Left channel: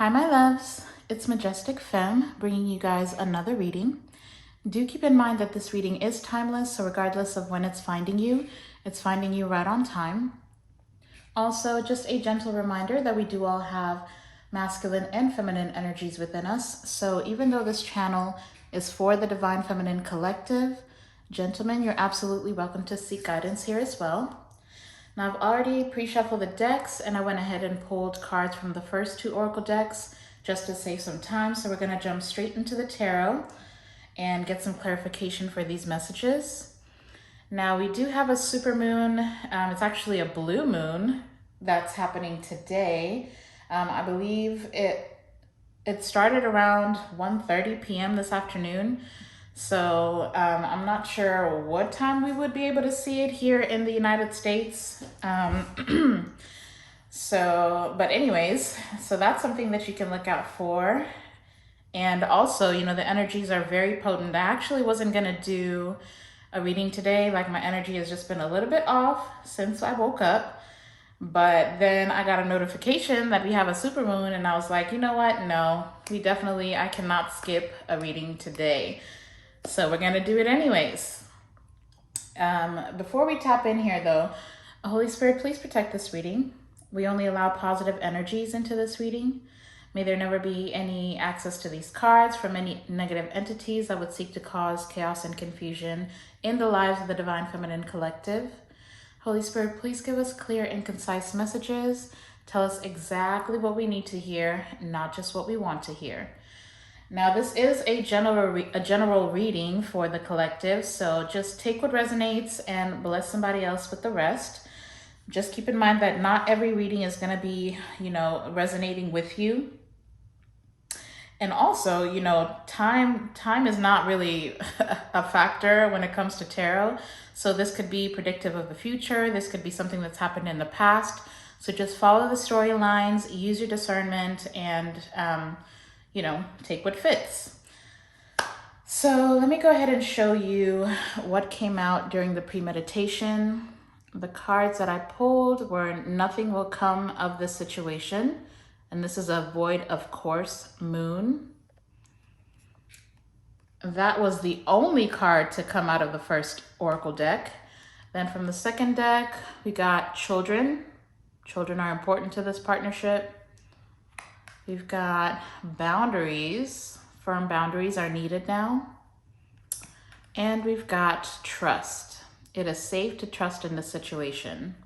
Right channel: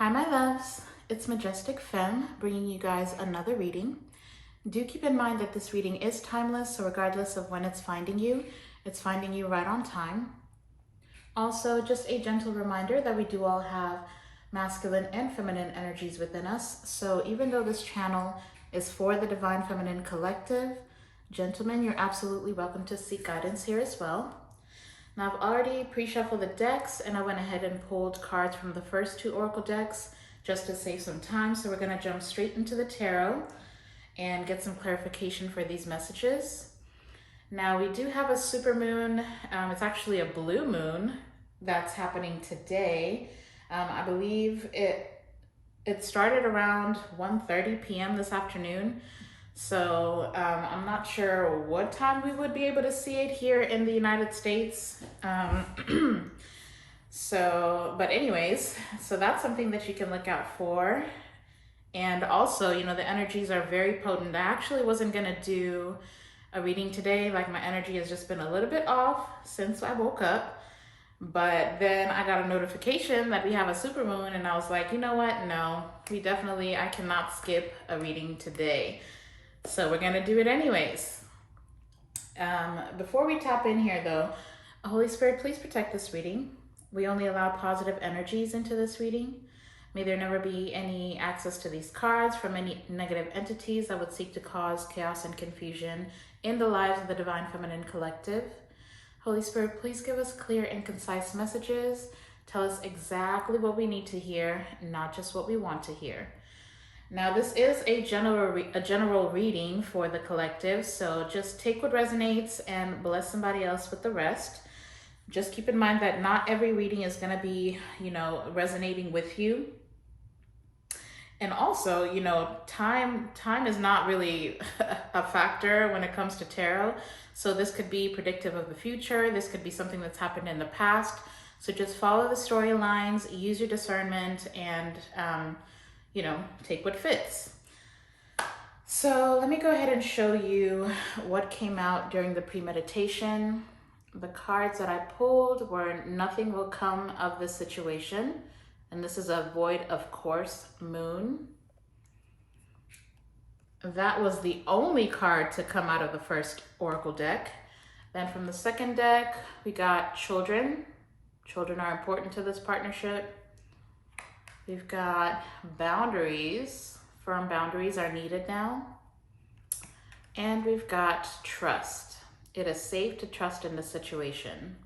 Hi, my loves. It's Majestic Femme bringing you guys another reading. Do keep in mind that this reading is timeless, so regardless of when it's finding you right on time. Also, just a gentle reminder that we do all have masculine and feminine energies within us. So even though this channel is for the Divine Feminine Collective, gentlemen, you're absolutely welcome to seek guidance here as well. Now, I've already pre-shuffled the decks and I went ahead and pulled cards from the first two oracle decks just to save some time. So we're going to jump straight into the tarot and get some clarification for these messages. Now, we do have a super moon. It's actually a blue moon that's happening today. I believe it started around 1:30 p.m. this afternoon. So I'm not sure what time we would be able to see it here in the United States. But anyways, so that's something that you can look out for. And also, the energies are very potent. I actually wasn't gonna do a reading today. Like, my energy has just been a little bit off since I woke up. But then I got a notification that we have a supermoon, and I was like, you know what? No, I cannot skip a reading today. So we're gonna do it anyways. Before we tap in here though, Holy Spirit, please protect this reading. We only allow positive energies into this reading. May there never be any access to these cards from any negative entities that would seek to cause chaos and confusion in the lives of the Divine Feminine Collective. Holy Spirit, please give us clear and concise messages. Tell us exactly what we need to hear, not just what we want to hear. Now, this is a general reading for the collective, so just take what resonates and bless somebody else with the rest. Just keep in mind that not every reading is going to be, resonating with you. And also, time is not really a factor when it comes to tarot. So this could be predictive of the future. This could be something that's happened in the past. So just follow the storylines, use your discernment, and take what fits. So let me go ahead and show you what came out during the premeditation. The cards that I pulled were nothing will come of this situation. And this is a void of course moon. That was the only card to come out of the first oracle deck. Then from the second deck, we got children. Children are important to this partnership. We've got boundaries. Firm boundaries are needed now. And we've got trust. It is safe to trust in this situation.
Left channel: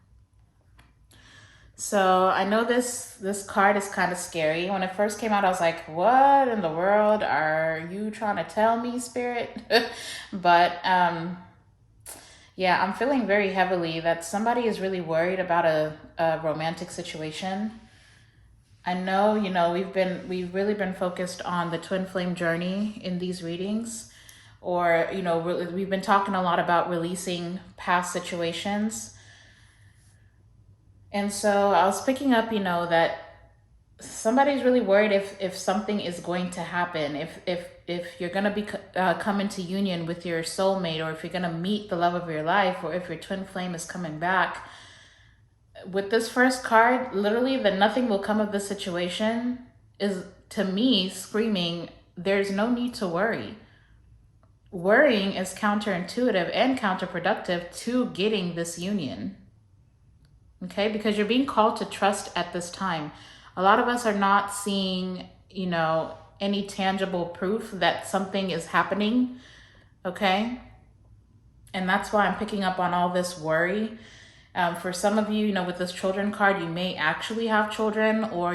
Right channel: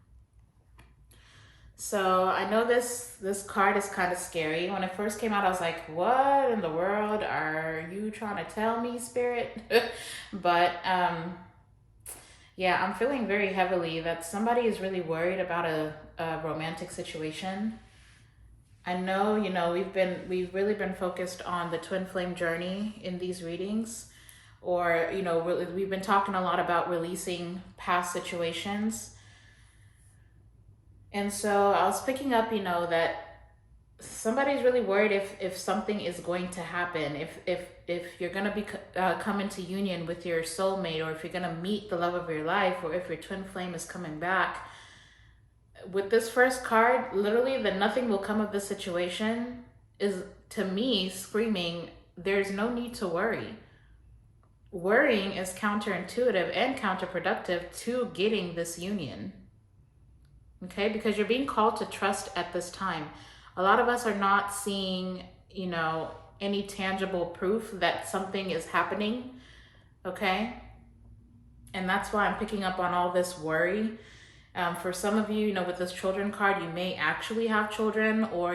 So I know this card is kind of scary. When it first came out, I was like, what in the world are you trying to tell me, Spirit? But yeah, I'm feeling very heavily that somebody is really worried about a romantic situation. I know, we've really been focused on the twin flame journey in these readings, or, we've been talking a lot about releasing past situations. And so I was picking up, that somebody's really worried if something is going to happen, if you're going to come into union with your soulmate, or if you're going to meet the love of your life, or if your twin flame is coming back. With this first card, literally the nothing will come of this situation is, to me, screaming, there's no need to worry. Worrying is counterintuitive and counterproductive to getting this union. Okay, because you're being called to trust at this time. A lot of us are not seeing, any tangible proof that something is happening. Okay, and that's why I'm picking up on all this worry. For some of you, with this children card, you may actually have children, or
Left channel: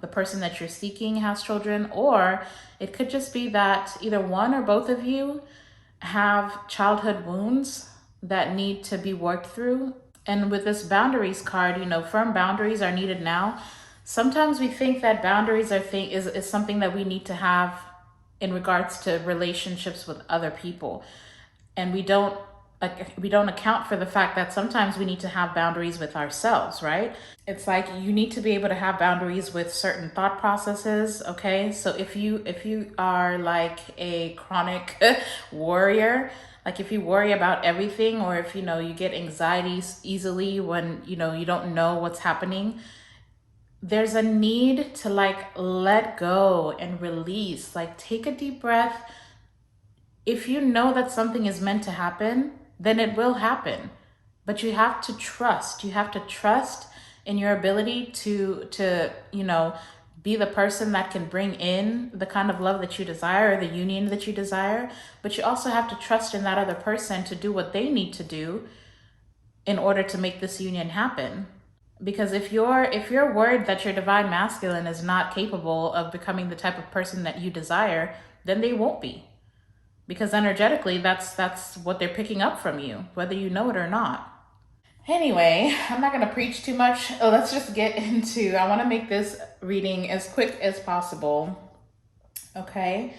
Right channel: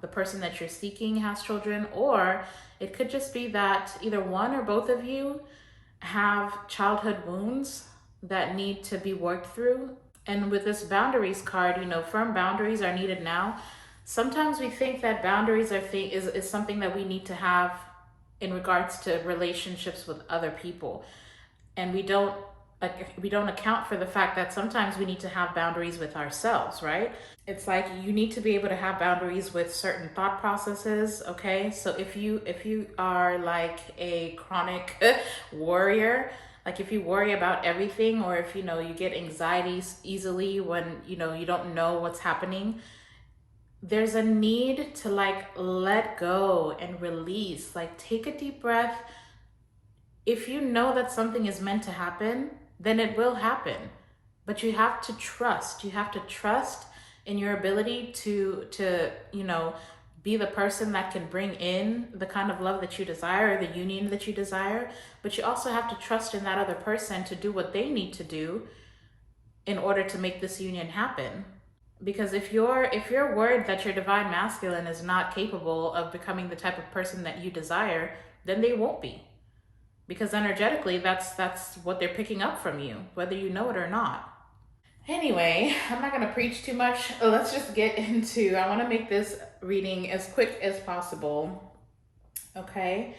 the person that you're seeking has children, or it could just be that either one or both of you have childhood wounds that need to be worked through. And with this boundaries card, firm boundaries are needed now. Sometimes we think that boundaries is something that we need to have in regards to relationships with other people. And we don't account for the fact that sometimes we need to have boundaries with ourselves, right? It's like you need to be able to have boundaries with certain thought processes, okay? So if you are like a chronic worrier, like if you worry about everything, or if you get anxiety easily when you don't know what's happening, there's a need to like let go and release. Like, take a deep breath. If you know that something is meant to happen, then it will happen. But you have to trust. You have to trust in your ability to be the person that can bring in the kind of love that you desire, or the union that you desire. But you also have to trust in that other person to do what they need to do in order to make this union happen. Because if you're worried that your divine masculine is not capable of becoming the type of person that you desire, then they won't be. Because energetically, that's what they're picking up from you, whether you know it or not. Anyway, I'm not going to preach too much. Let's just get into, I want to make this reading as quick as possible. Okay.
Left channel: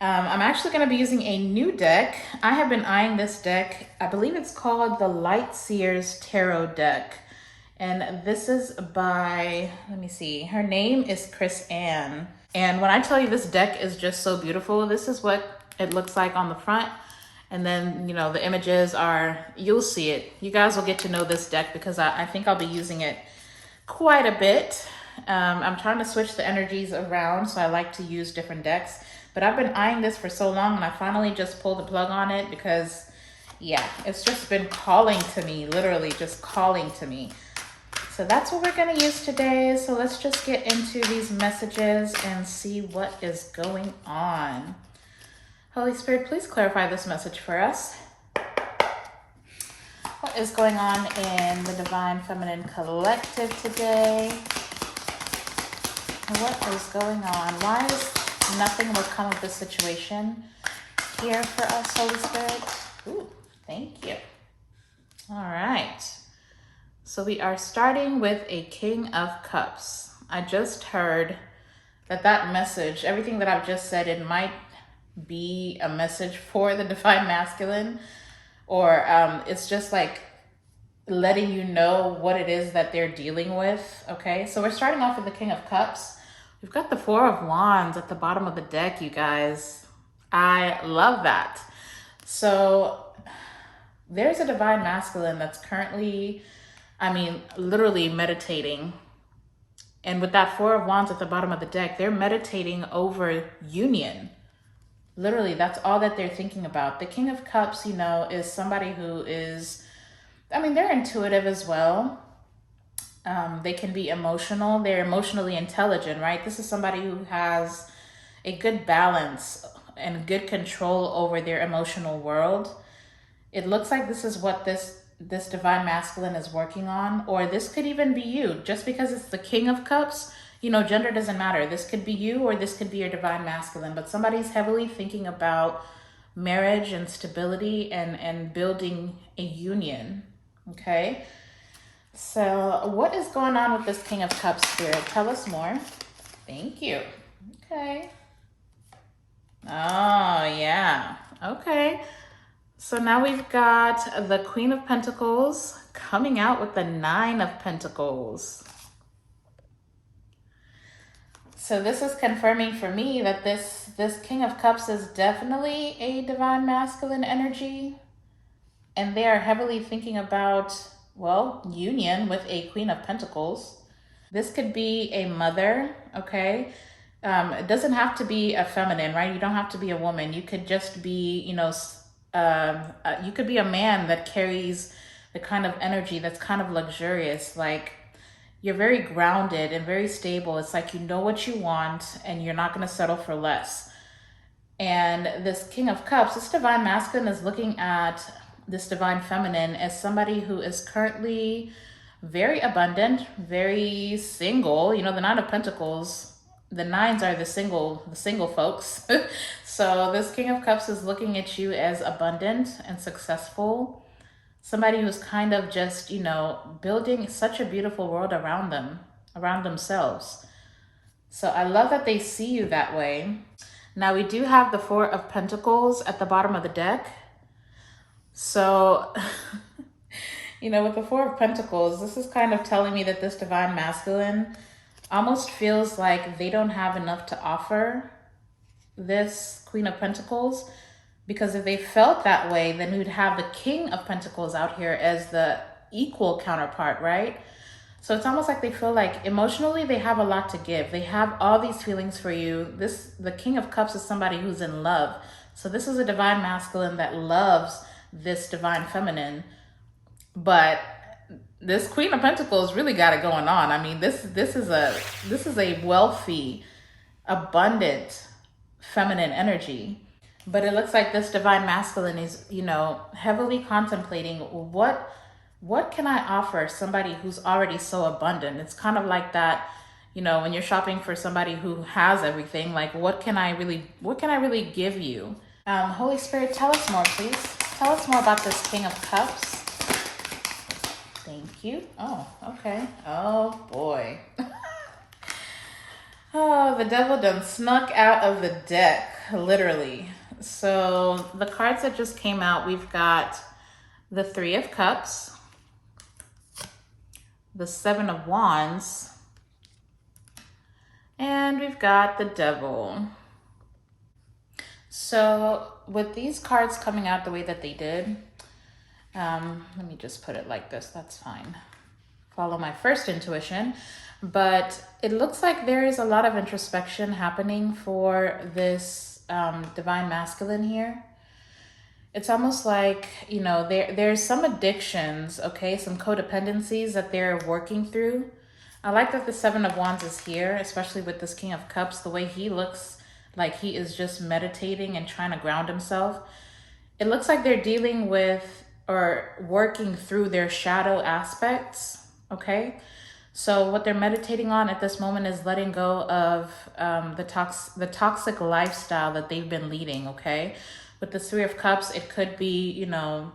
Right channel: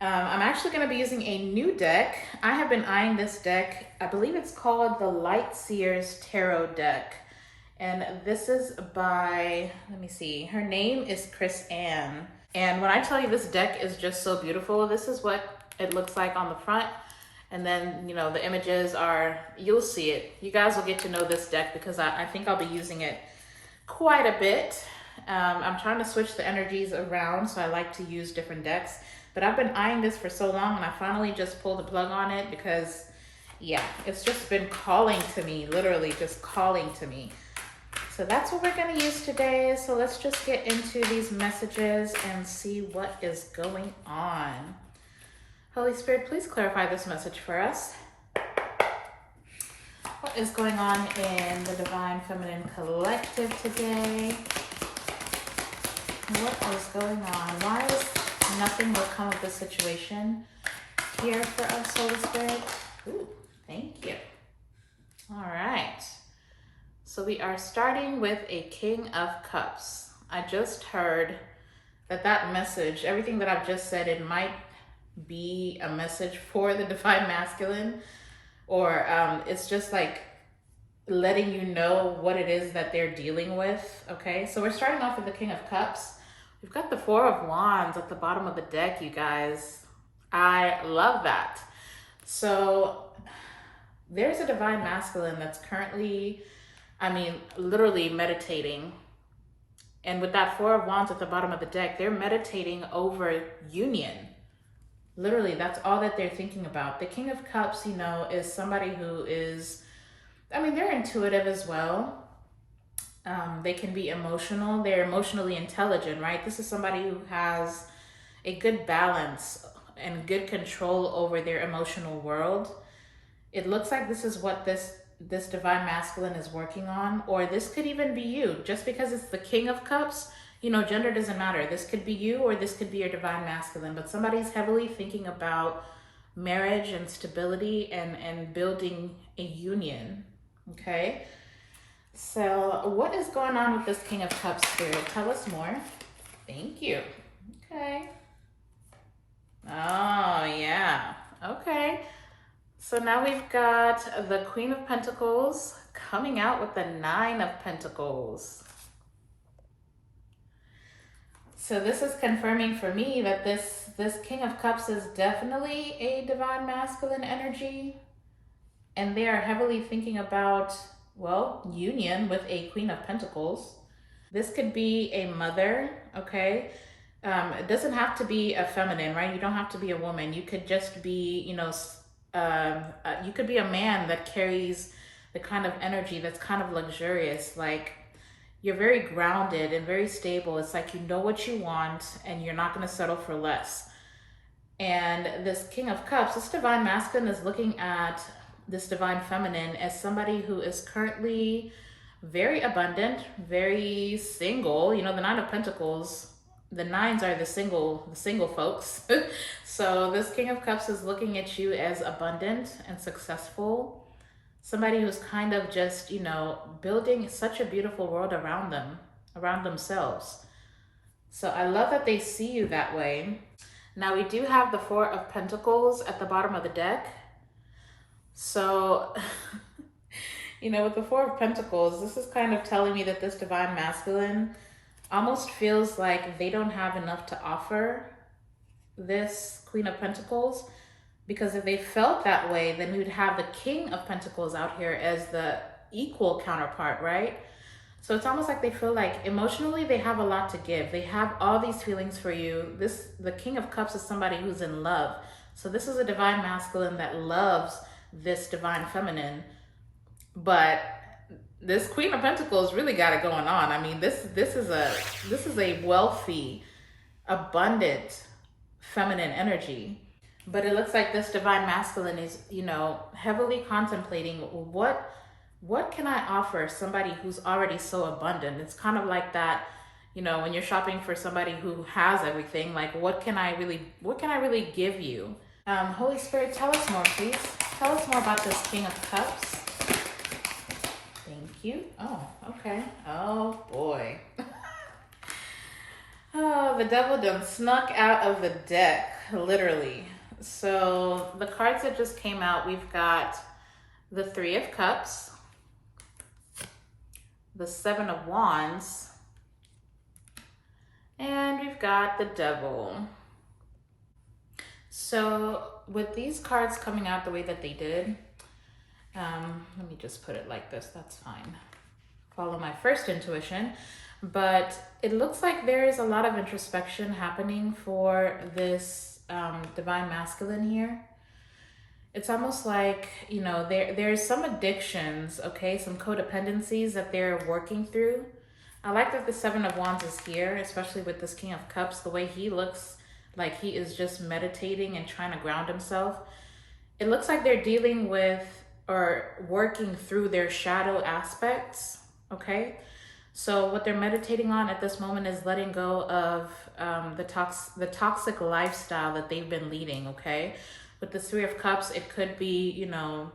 I'm actually going to be using a new deck. I have been eyeing this deck. I believe it's called the Light Seers Tarot deck. And this is by, let me see, her name is Chris Ann. And when I tell you this deck is just so beautiful, this is what it looks like on the front. And then, the images are, you'll see it. You guys will get to know this deck because I think I'll be using it quite a bit. I'm trying to switch the energies around, so I like to use different decks. But I've been eyeing this for so long, and I finally just pulled the plug on it because, yeah, it's just been calling to me, literally just calling to me. So that's what we're going to use today. So let's just get into these messages and see what is going on. Holy Spirit, please clarify this message for us. What is going on in the Divine Feminine Collective today? What is going on? Why does nothing will come of this situation here for us, Holy Spirit? Ooh, thank you. All right. So we are starting with a King of Cups. I just heard that message, everything that I've just said, it might be a message for the Divine Masculine, or it's just like letting you know what it is that they're dealing with. Okay, so we're starting off with the King of Cups. We've got the Four of Wands at the bottom of the deck, you guys. I love that. So there's a Divine Masculine that's currently, literally meditating. And with that Four of Wands at the bottom of the deck, they're meditating over union. Literally, that's all that they're thinking about. The King of Cups, is somebody who is, they're intuitive as well. They can be emotional. They're emotionally intelligent, right? This is somebody who has a good balance and good control over their emotional world. It looks like this is what this Divine Masculine is working on, or this could even be you. Just because it's the King of Cups, gender doesn't matter. This could be you, or this could be your Divine Masculine, but somebody's heavily thinking about marriage and stability and building a union. Okay, so what is going on with this King of Cups, Spirit? Tell us more. Thank you. Okay. Oh, yeah. Okay. So now we've got the Queen of Pentacles coming out with the Nine of Pentacles. So this is confirming for me that this King of Cups is definitely a Divine Masculine energy. And they are heavily thinking about, union with a Queen of Pentacles. This could be a mother, okay? It doesn't have to be a feminine, right? You don't have to be a woman. You could just be, you could be a man that carries the kind of energy that's kind of luxurious. Like, you're very grounded and very stable. It's like you know what you want and you're not going to settle for less. And this King of Cups, this Divine Masculine is looking at this Divine Feminine as somebody who is currently very abundant, very single. The Nine of Pentacles, the nines are the single folks. So this King of Cups is looking at you as abundant and successful. Somebody who's kind of just, building such a beautiful world around them, around themselves. So I love that they see you that way. Now we do have the Four of Pentacles at the bottom of the deck. So, with the Four of Pentacles, this is kind of telling me that this Divine Masculine almost feels like they don't have enough to offer this Queen of Pentacles. Because if they felt that way, then we'd have the King of Pentacles out here as the equal counterpart, right? So it's almost like they feel like emotionally they have a lot to give. They have all these feelings for you. The King of Cups is somebody who's in love. So this is a divine masculine that loves this divine feminine. But this Queen of Pentacles really got it going on. I mean, this is a wealthy, abundant, feminine energy. But it looks like this divine masculine is, you know, heavily contemplating what can I offer somebody who's already so abundant? It's kind of like that, you know, when you're shopping for somebody who has everything, like what can I really give you? Holy Spirit, tell us more, please. Tell us more about this King of Cups. Thank you. Oh, okay. Oh boy. Oh, the devil done snuck out of the deck, literally. So the cards that just came out, we've got the Three of Cups, the Seven of Wands, and we've got the Devil. So with these cards coming out the way that they did, let me just put it like this, that's fine. Follow my first intuition. But it looks like there is a lot of introspection happening for this divine masculine here. It's almost like, you know, there's some addictions, okay, some codependencies that they're working through. I like that the Seven of Wands is here, especially with this King of Cups, the way he looks like he is just meditating and trying to ground himself. It looks like they're dealing with or working through their shadow aspects, okay? So what they're meditating on at this moment is letting go of the toxic lifestyle that they've been leading, okay? With the Three of Cups, it could be, you know,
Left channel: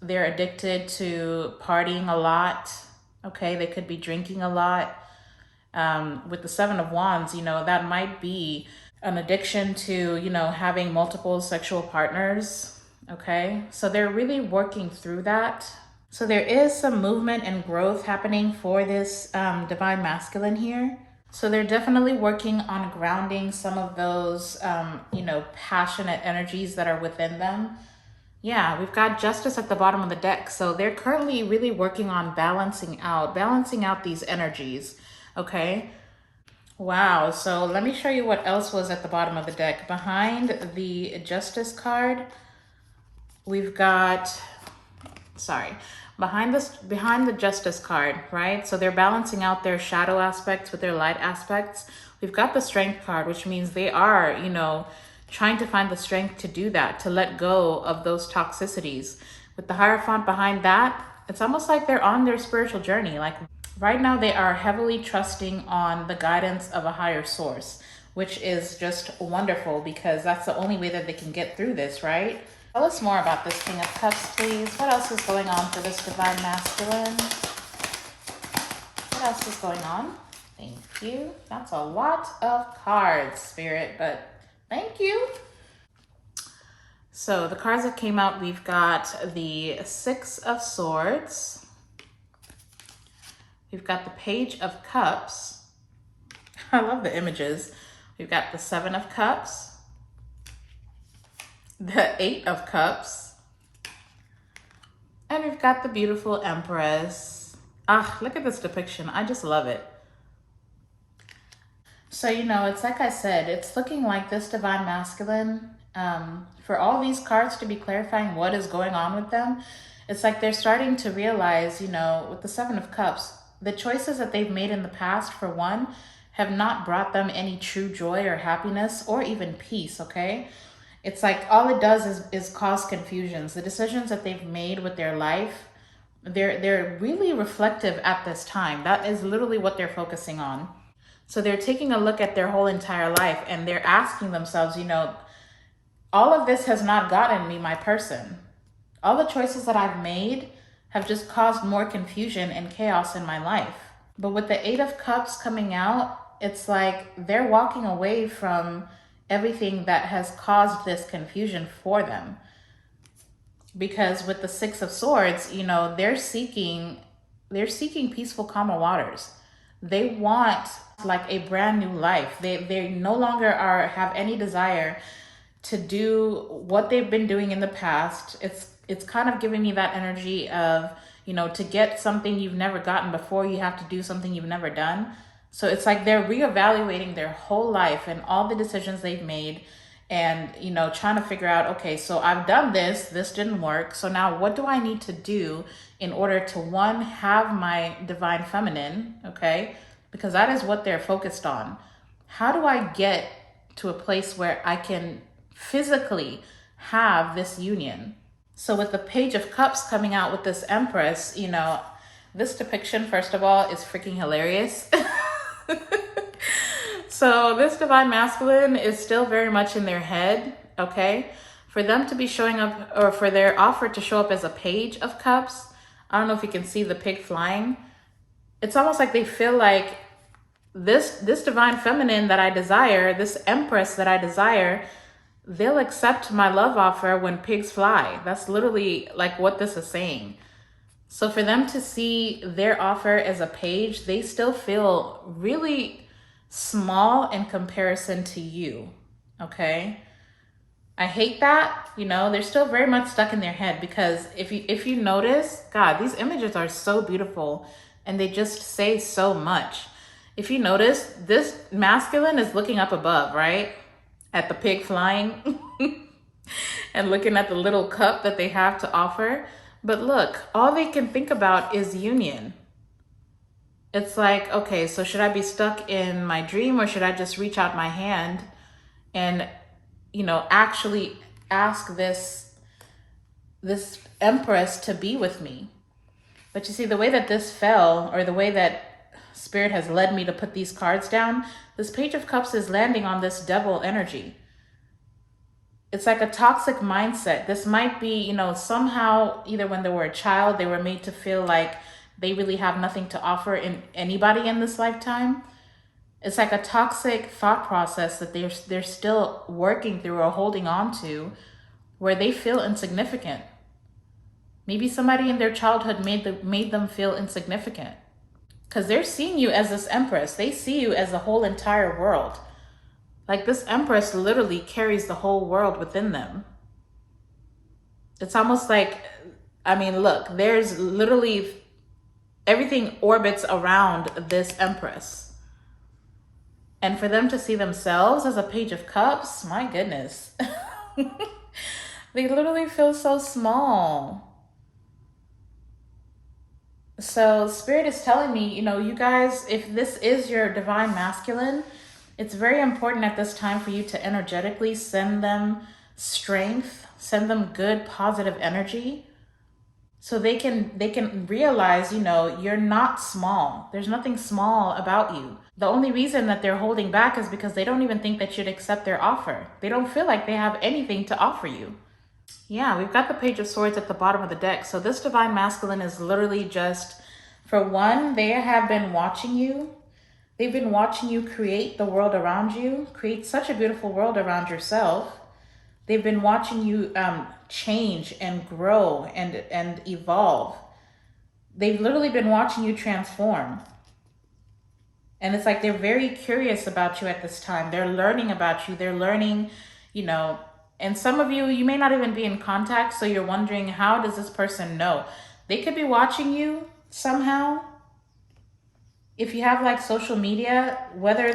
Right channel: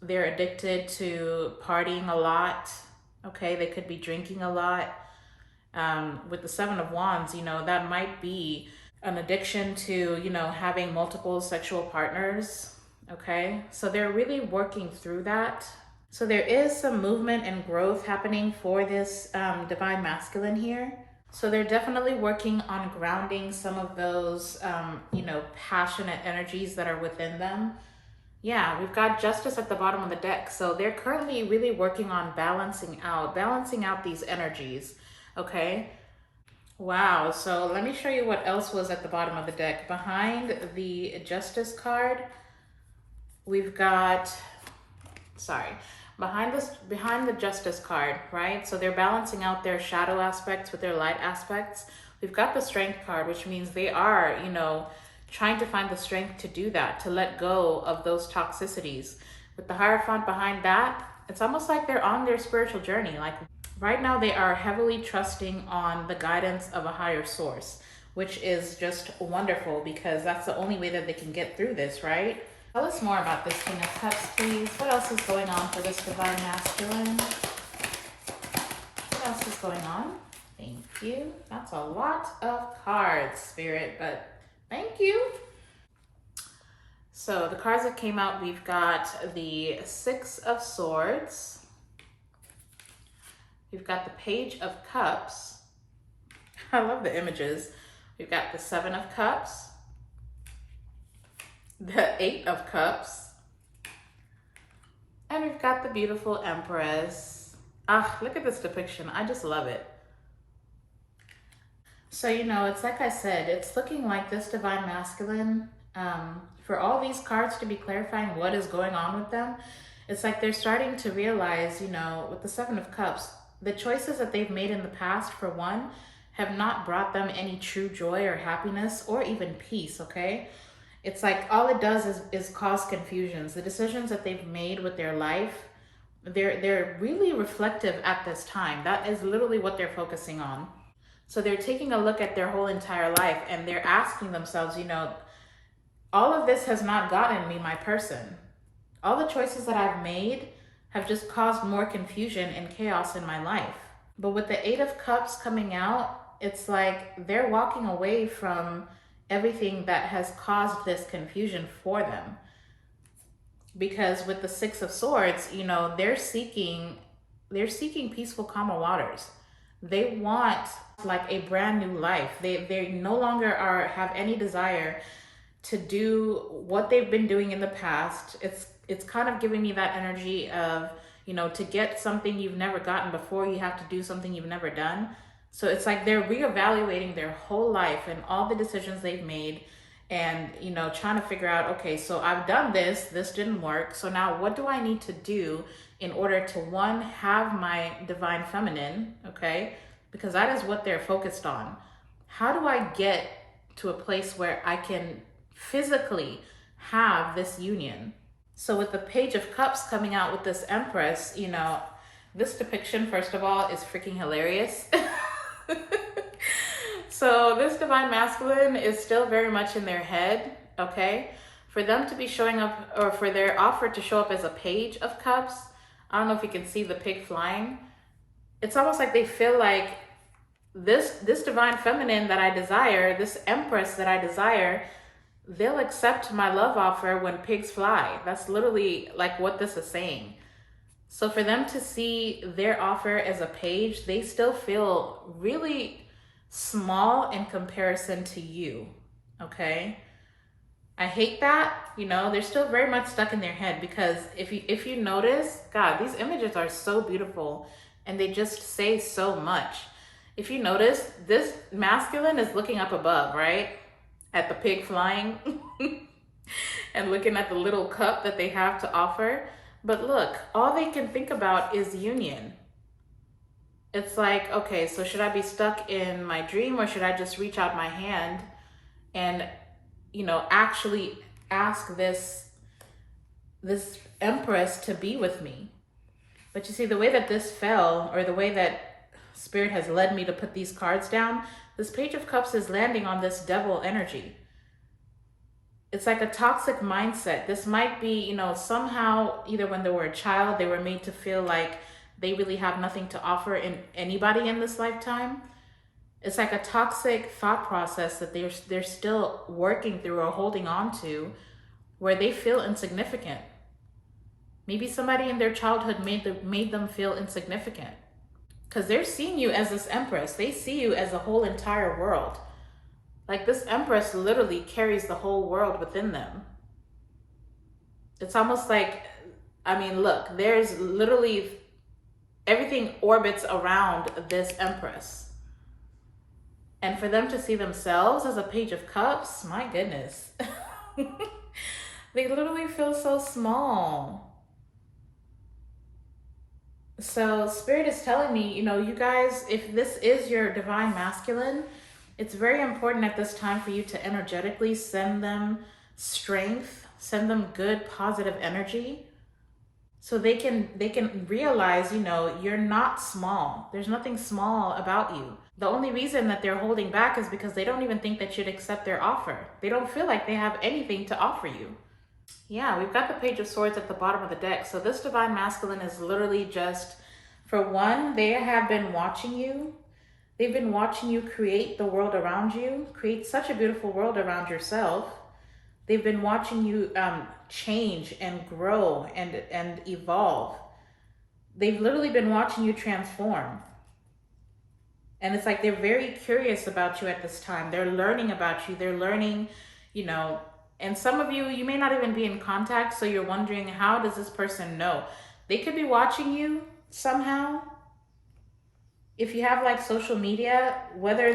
they're addicted to partying a lot, okay? They could be drinking a lot. With the Seven of Wands, you know, that might be an addiction to, you know, having multiple sexual partners, okay? So they're really working through that. So there is some movement and growth happening for this divine masculine here. So they're definitely working on grounding some of those, you know, passionate energies that are within them. Yeah, we've got Justice at the bottom of the deck. So they're currently really working on balancing out these energies, okay? Wow, so let me show you what else was at the bottom of the deck. Behind the Justice card, we've got, behind the Justice card, right? So they're balancing out their shadow aspects with their light aspects. We've got the Strength card, which means they are, you know, trying to find the strength to do that, to let go of those toxicities. With the Hierophant behind that, it's almost like they're on their spiritual journey. Like right now they are heavily trusting on the guidance of a higher source, which is just wonderful because that's the only way that they can get through this, right? Tell us more about this King of Cups, please. What else is going on for this divine masculine? What else is going on? Thank you. That's a lot of cards, Spirit, but thank you. So the cards that came out, we've got the Six of Swords. We've got the Page of Cups. I love the images. We've got the Seven of Cups. The Eight of Cups, and we've got the beautiful Empress. Ah, look at this depiction. I just love it. So, you know, it's like I said, it's looking like this divine masculine, for all these cards to be clarifying what is going on with them, it's like they're starting to realize, you know, with the Seven of Cups, the choices that they've made in the past, for one, have not brought them any true joy or happiness or even peace, okay? It's like all it does is cause confusions. The decisions that they've made with their life, they're really reflective at this time. That is literally what they're focusing on. So they're taking a look at their whole entire life and they're asking themselves, you know, all of this has not gotten me my person. All the choices that I've made have just caused more confusion and chaos in my life. But with the Eight of Cups coming out, it's like they're walking away from everything that has caused this confusion for them. Because with the Six of Swords, you know, they're seeking peaceful, calmer waters. They want like a brand new life. They no longer have any desire to do what they've been doing in the past. It's kind of giving me that energy of, you know, to get something you've never gotten before, you have to do something you've never done. So it's like they're reevaluating their whole life and all the decisions they've made, and, you know, trying to figure out, okay, so I've done this didn't work. So now what do I need to do in order to, one, have my divine feminine, okay? Because that is what they're focused on. How do I get to a place where I can physically have this union? So with the Page of Cups coming out with this Empress, you know, this depiction, first of all, is freaking hilarious. So this divine masculine is still very much in their head, okay? For them to be showing up, or for their offer to show up as a Page of Cups, I don't know if you can see the pig flying. It's almost like they feel like this divine feminine that I desire, this Empress that I desire, they'll accept my love offer when pigs fly. That's literally like what this is saying. So for them to see their offer as a page, they still feel really small in comparison to you, okay? I hate that, you know, they're still very much stuck in their head, because if you notice, God, these images are so beautiful and they just say so much. If you notice, this masculine is looking up above, right? At the pig flying and looking at the little cup that they have to offer. But look, all they can think about is union. It's like, okay, so should I be stuck in my dream, or should I just reach out my hand and, you know, actually ask this Empress to be with me? But you see, the way that this fell, or the way that Spirit has led me to put these cards down, this Page of Cups is landing on this devil energy. It's like a toxic mindset. This might be, you know, somehow, either when they were a child, they were made to feel like they really have nothing to offer in anybody in this lifetime. It's like a toxic thought process that they're still working through or holding on to, where they feel insignificant. Maybe somebody in their childhood made them feel insignificant, because they're seeing you as this Empress. They see you as the whole entire world. Like, this Empress literally carries the whole world within them. It's almost like, I mean, look, there's literally everything orbits around this Empress. And for them to see themselves as a Page of Cups, my goodness. They literally feel so small. So Spirit is telling me, you know, you guys, if this is your divine masculine, it's very important at this time for you to energetically send them strength, send them good, positive energy, so they can realize, you know, you're not small. There's nothing small about you. The only reason that they're holding back is because they don't even think that you'd accept their offer. They don't feel like they have anything to offer you. Yeah, we've got the Page of Swords at the bottom of the deck. So this divine masculine is literally just, for one, they have been watching you. They've been watching you create the world around you, create such a beautiful world around yourself. They've been watching you change and grow and evolve. They've literally been watching you transform. And it's like they're very curious about you at this time. They're learning about you. They're learning, you know, and some of you, you may not even be in contact, so you're wondering, how does this person know? They could be watching you somehow. If you have like social media, whether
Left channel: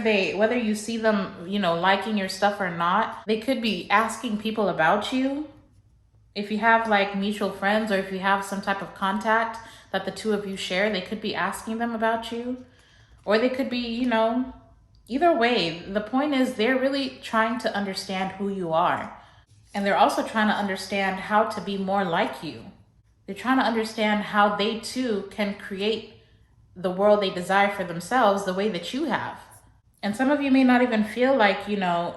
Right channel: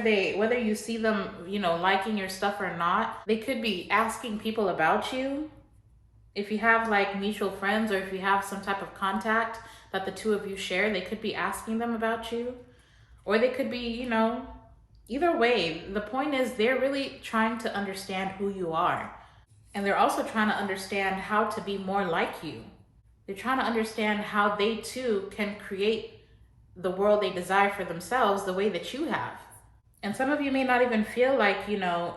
you see them, you know, liking your stuff or not, they could be asking people about you. If you have like mutual friends, or if you have some type of contact that the two of you share, they could be asking them about you. Or they could be, you know, either way, the point is they're really trying to understand who you are. And they're also trying to understand how to be more like you. They're trying to understand how they too can create the world they desire for themselves the way that you have. And some of you may not even feel like, you know,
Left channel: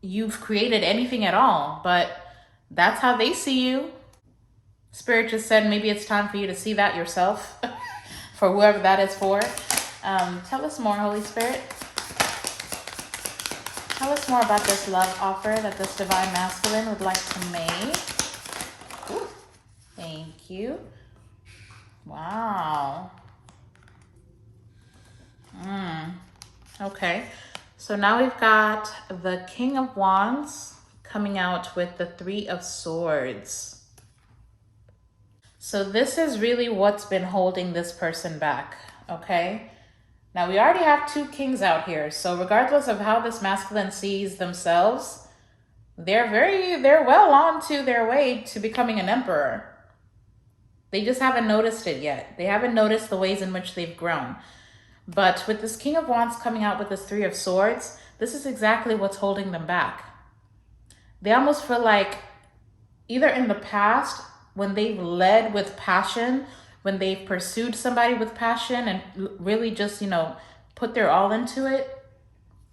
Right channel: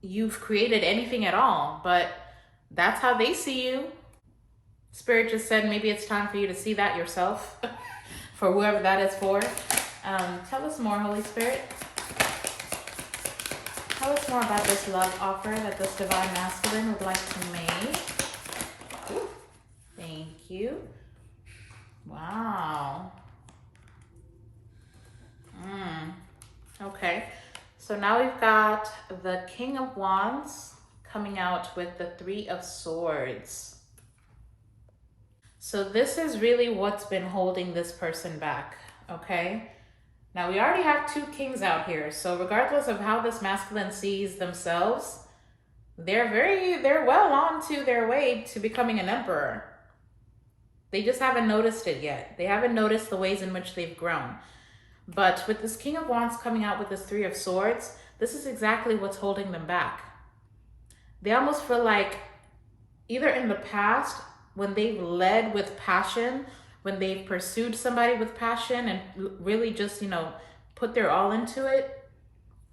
you've created anything at all, but that's how they see you. Spirit just said maybe it's time for you to see that yourself, for whoever that is for. Tell us more, Holy Spirit. Tell us more about this love offer that this divine masculine would like to make. Ooh, thank you. Wow. Okay, so now we've got the King of Wands coming out with the Three of Swords. So this is really what's been holding this person back, okay? Now we already have 2 kings out here. So regardless of how this masculine sees themselves, they're well on to their way to becoming an emperor. They just haven't noticed it yet. They haven't noticed the ways in which they've grown. But with this King of Wands coming out with this 3 of Swords, this is exactly what's holding them back. They almost feel like either in the past, when they've led with passion, when they've pursued somebody with passion and really just, put their all into it,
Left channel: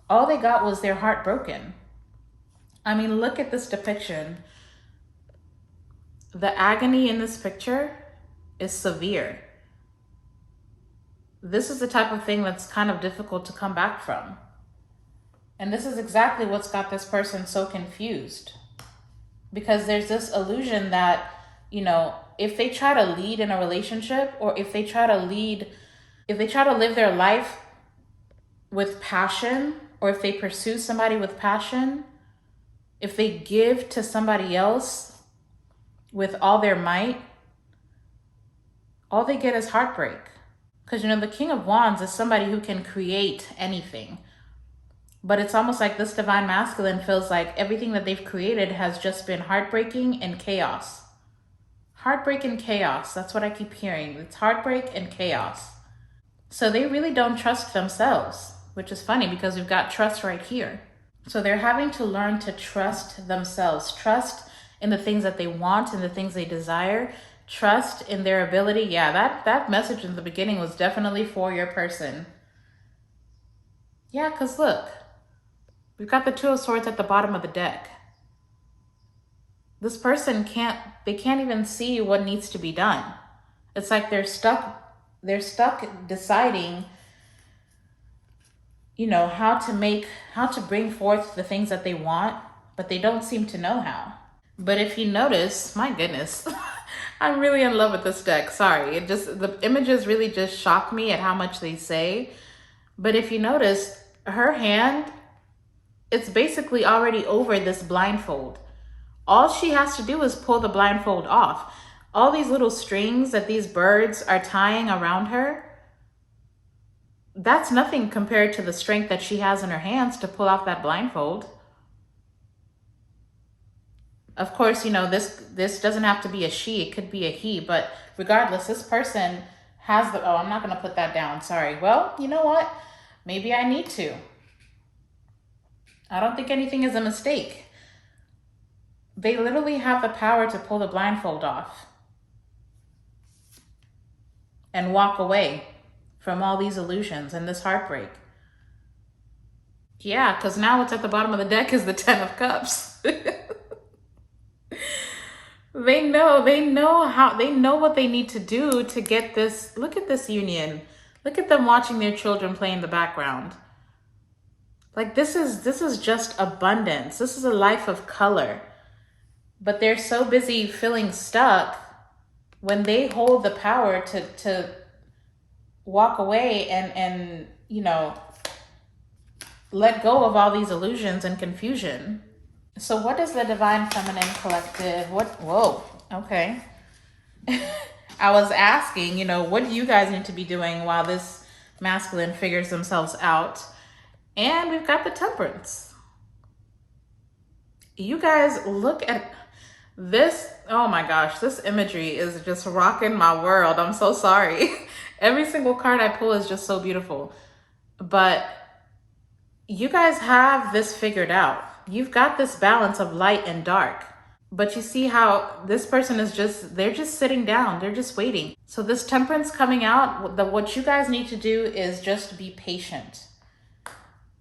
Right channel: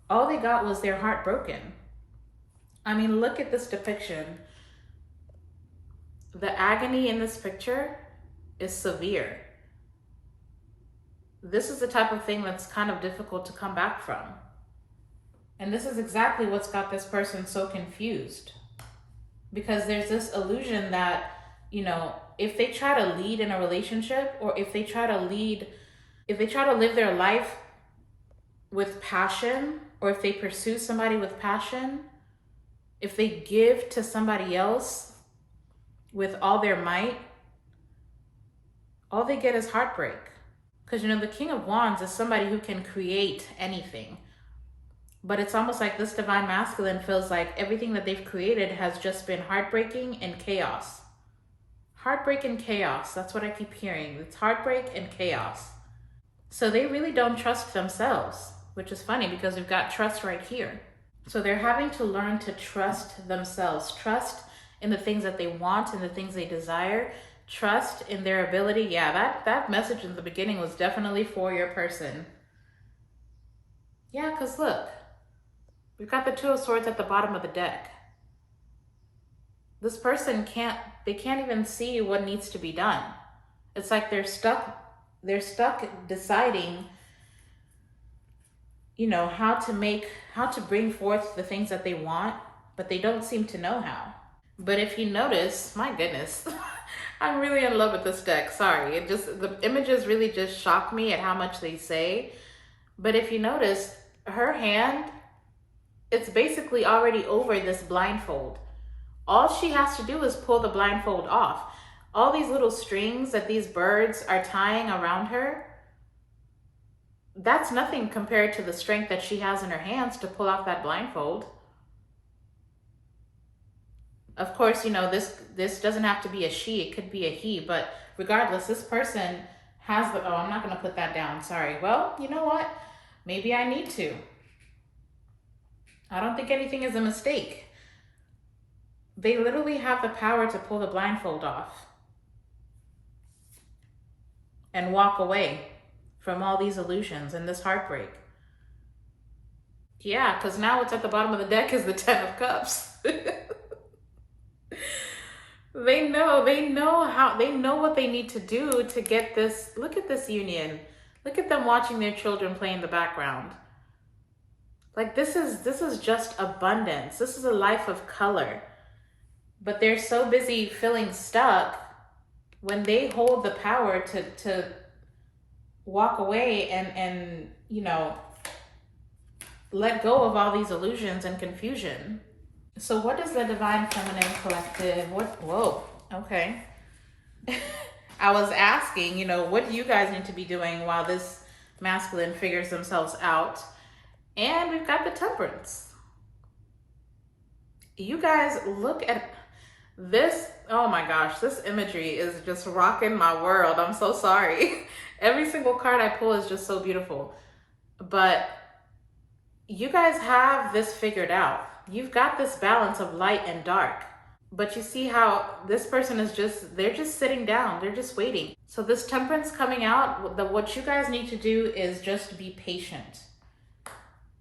all they got was their heart broken. I mean, look at this depiction. The agony in this picture is severe. This is the type of thing that's kind of difficult to come back from. And this is exactly what's got this person so confused. Because there's this illusion that, if they try to lead in a relationship, or if they try to live their life with passion, or if they pursue somebody with passion, if they give to somebody else with all their might, all they get is heartbreak. Because, the King of Wands is somebody who can create anything. But it's almost like this divine masculine feels like everything that they've created has just been heartbreaking and chaos. Heartbreak and chaos. That's what I keep hearing. It's heartbreak and chaos. So they really don't trust themselves, which is funny because we've got trust right here. So they're having to learn to trust themselves, trust in the things that they want and the things they desire, trust in their ability. Yeah, that message in the beginning was definitely for your person. Yeah, because look, we've got the 2 of Swords at the bottom of the deck. This person can't even see what needs to be done. It's like they're stuck deciding, how to bring forth the things that they want, but they don't seem to know how. But if you notice, my goodness, I'm really in love with this deck. Sorry, the images really just shock me at how much they say. But if you notice, her hand, it's basically already over this blindfold. All she has to do is pull the blindfold off. All these little strings that these birds are tying around her, that's nothing compared to the strength that she has in her hands to pull off that blindfold. Of course, this doesn't have to be a she, it could be a he, but regardless, this person has I'm not gonna put that down, sorry. Well, you know what? Maybe I need to. I don't think anything is a mistake. They literally have the power to pull the blindfold off and walk away from all these illusions and this heartbreak. Yeah, because now what's at the bottom of the deck is the 10 of Cups. They know what they need to do to get this. Look at this union. Look at them watching their children play in the background. Like this is just abundance. This is a life of color. But they're so busy feeling stuck when they hold the power to walk away and let go of all these illusions and confusion. So what does the Divine Feminine Collective, whoa, okay. I was asking, what do you guys need to be doing while this masculine figures themselves out? And we've got the Temperance. You guys look at this. Oh my gosh, this imagery is just rocking my world. I'm so sorry. Every single card I pull is just so beautiful. But you guys have this figured out. You've got this balance of light and dark. But you see how this person is they're just sitting down. They're just waiting. So this Temperance coming out, what you guys need to do is just be patient.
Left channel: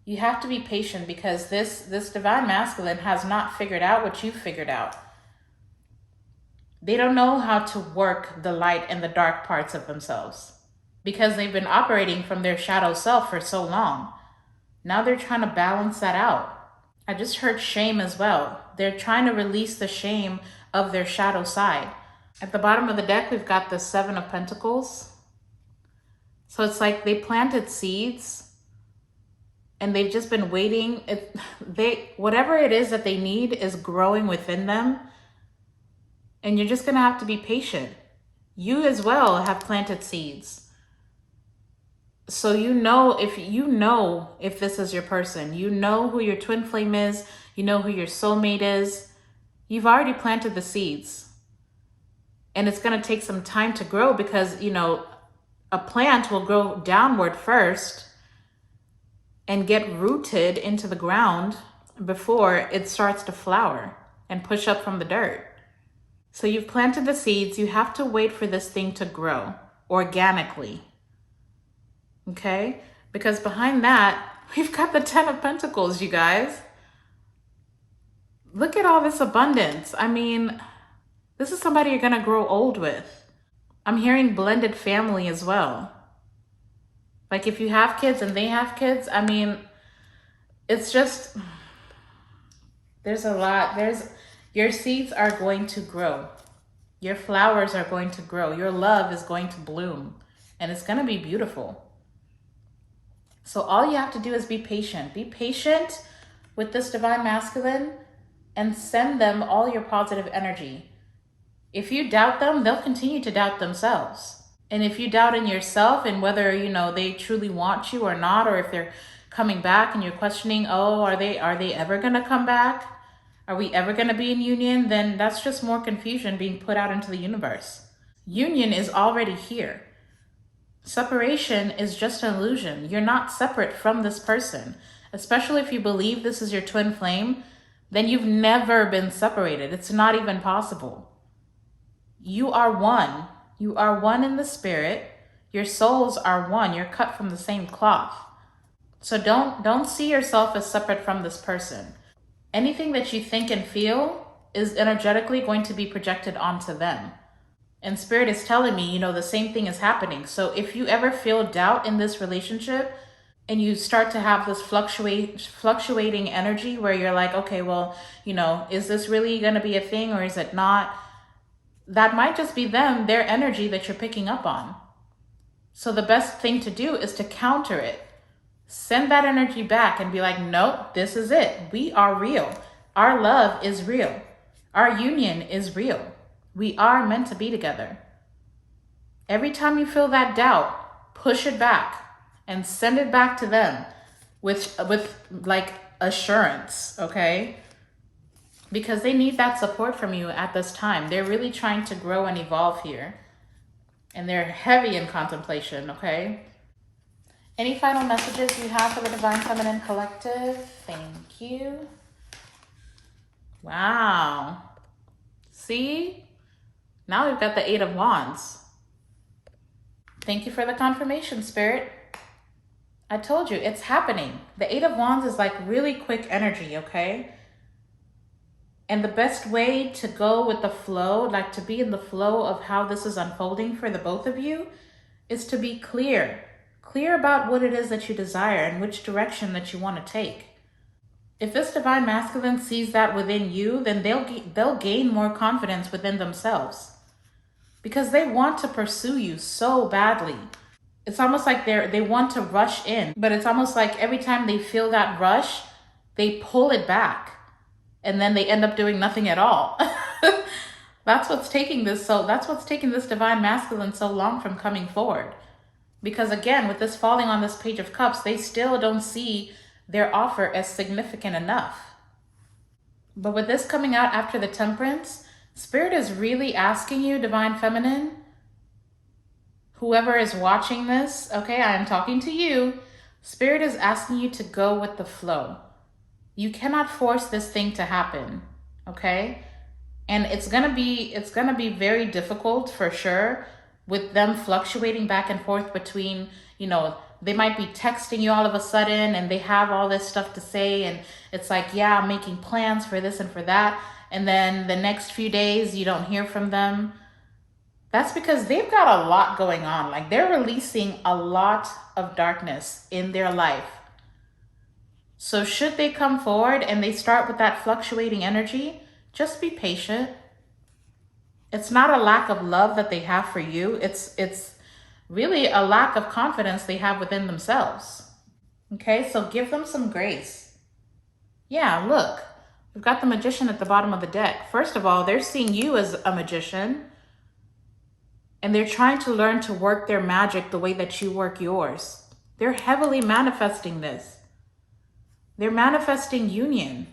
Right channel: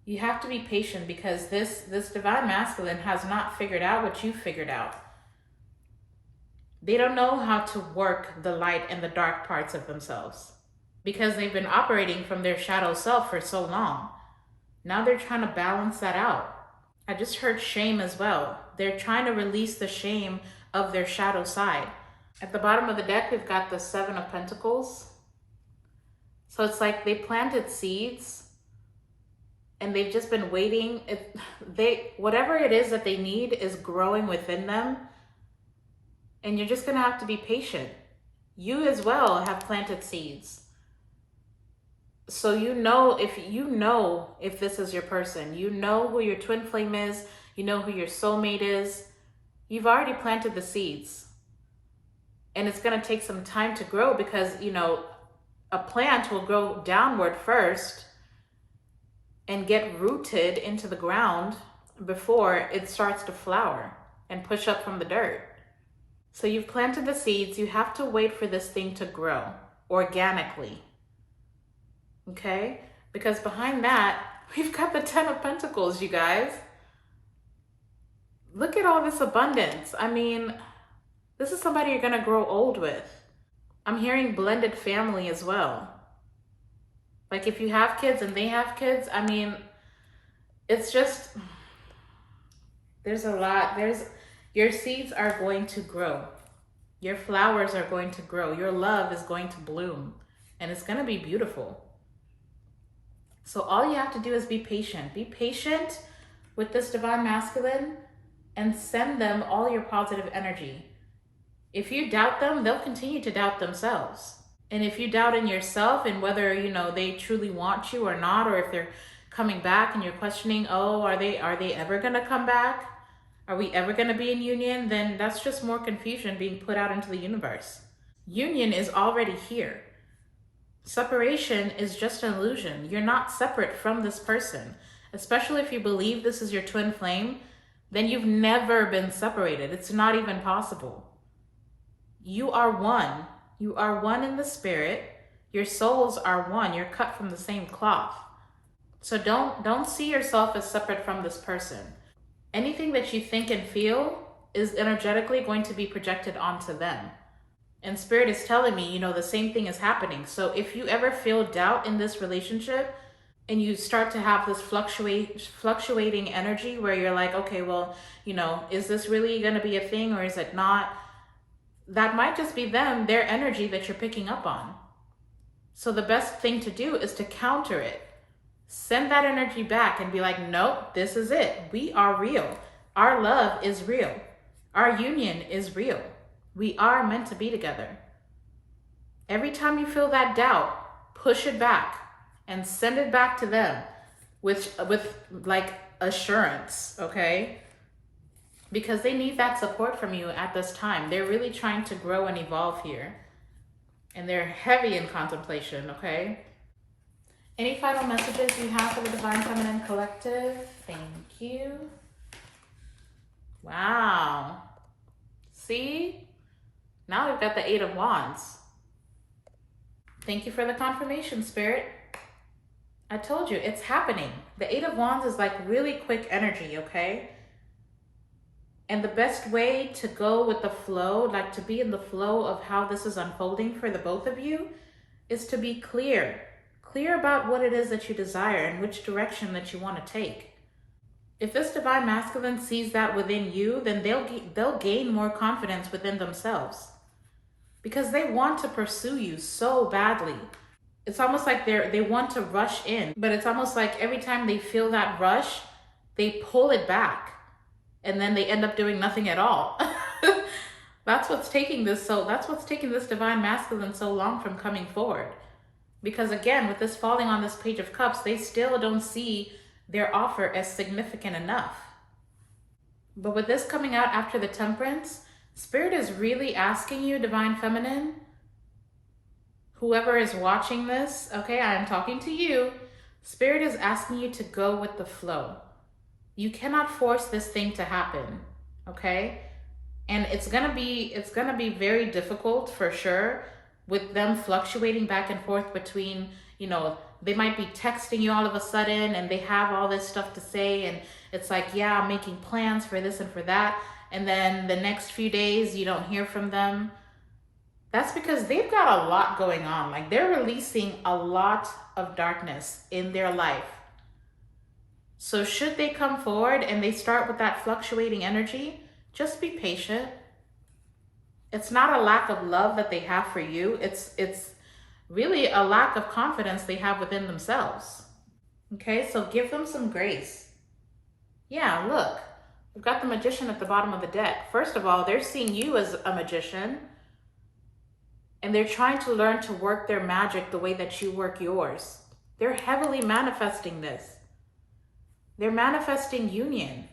You have to be patient because this Divine Masculine has not figured out what you've figured out. They don't know how to work the light and the dark parts of themselves because they've been operating from their shadow self for so long. Now they're trying to balance that out. I just heard shame as well. They're trying to release the shame of their shadow side. At the bottom of the deck, we've got the 7 of Pentacles. So it's like they planted seeds and they've just been waiting. Whatever it is that they need is growing within them. And you're just gonna have to be patient. You as well have planted seeds. So you know if this is your person, you know who your twin flame is, you know who your soulmate is. You've already planted the seeds. And it's going to take some time to grow because, a plant will grow downward first and get rooted into the ground before it starts to flower and push up from the dirt. So you've planted the seeds. You have to wait for this thing to grow organically. Okay? Because behind that, we've got the 10 of Pentacles, you guys. Look at all this abundance. I mean, this is somebody you're going to grow old with. I'm hearing blended family as well. Like if you have kids and they have kids, I mean, it's just, there's a lot. Your seeds are going to grow. Your flowers are going to grow. Your love is going to bloom and it's going to be beautiful. So all you have to do is be patient. Be patient with this divine masculine and send them all your positive energy. If you doubt them, they'll continue to doubt themselves. And if you doubt in yourself and whether, they truly want you or not, or if they're coming back and you're questioning, are they ever going to come back? Are we ever going to be in union? Then that's just more confusion being put out into the universe. Union is already here. Separation is just an illusion. You're not separate from this person. Especially if you believe this is your twin flame, then you've never been separated. It's not even possible. You are one. You are one in the spirit. Your souls are one. You're cut from the same cloth. So don't see yourself as separate from this person. Anything that you think and feel is energetically going to be projected onto them. And Spirit is telling me, the same thing is happening. So if you ever feel doubt in this relationship and you start to have this fluctuating energy where you're like, okay, well, is this really going to be a thing or is it not? That might just be their energy that you're picking up on. So the best thing to do is to counter it. Send that energy back and be like, nope, this is it. We are real. Our love is real. Our union is real. We are meant to be together. Every time you feel that doubt, push it back and send it back to them with like assurance, okay? Because they need that support from you at this time. They're really trying to grow and evolve here. And they're heavy in contemplation, okay? Any final messages you have for the Divine Feminine Collective? Thank you. Wow. See? Now we've got the 8 of Wands. Thank you for the confirmation, Spirit. I told you, it's happening. The 8 of Wands is like really quick energy, okay? And the best way to go with the flow, like to be in the flow of how this is unfolding for the both of you, is to be clear. Clear about what it is that you desire and which direction that you want to take. If this divine masculine sees that within you, then they'll gain more confidence within themselves. Because they want to pursue you so badly. It's almost like they want to rush in, but it's almost like every time they feel that rush, they pull it back. And then they end up doing nothing at all. That's what's taking this divine masculine so long from coming forward. Because again, with this falling on this Page of Cups, they still don't see their offer as significant enough. But with this coming out after the Temperance, Spirit is really asking you, Divine Feminine, whoever is watching this, okay, I am talking to you. Spirit is asking you to go with the flow. You cannot force this thing to happen, okay? And it's gonna be very difficult for sure with them fluctuating back and forth between, they might be texting you all of a sudden and they have all this stuff to say and it's like, yeah, I'm making plans for this and for that. And then the next few days you don't hear from them. That's because they've got a lot going on. Like they're releasing a lot of darkness in their life. So should they come forward and they start with that fluctuating energy, just be patient. It's not a lack of love that they have for you. It's really a lack of confidence they have within themselves. Okay, so give them some grace. Yeah, look, we've got the Magician at the bottom of the deck. First of all, they're seeing you as a magician. And they're trying to learn to work their magic the way that you work yours. They're heavily manifesting this. They're manifesting union.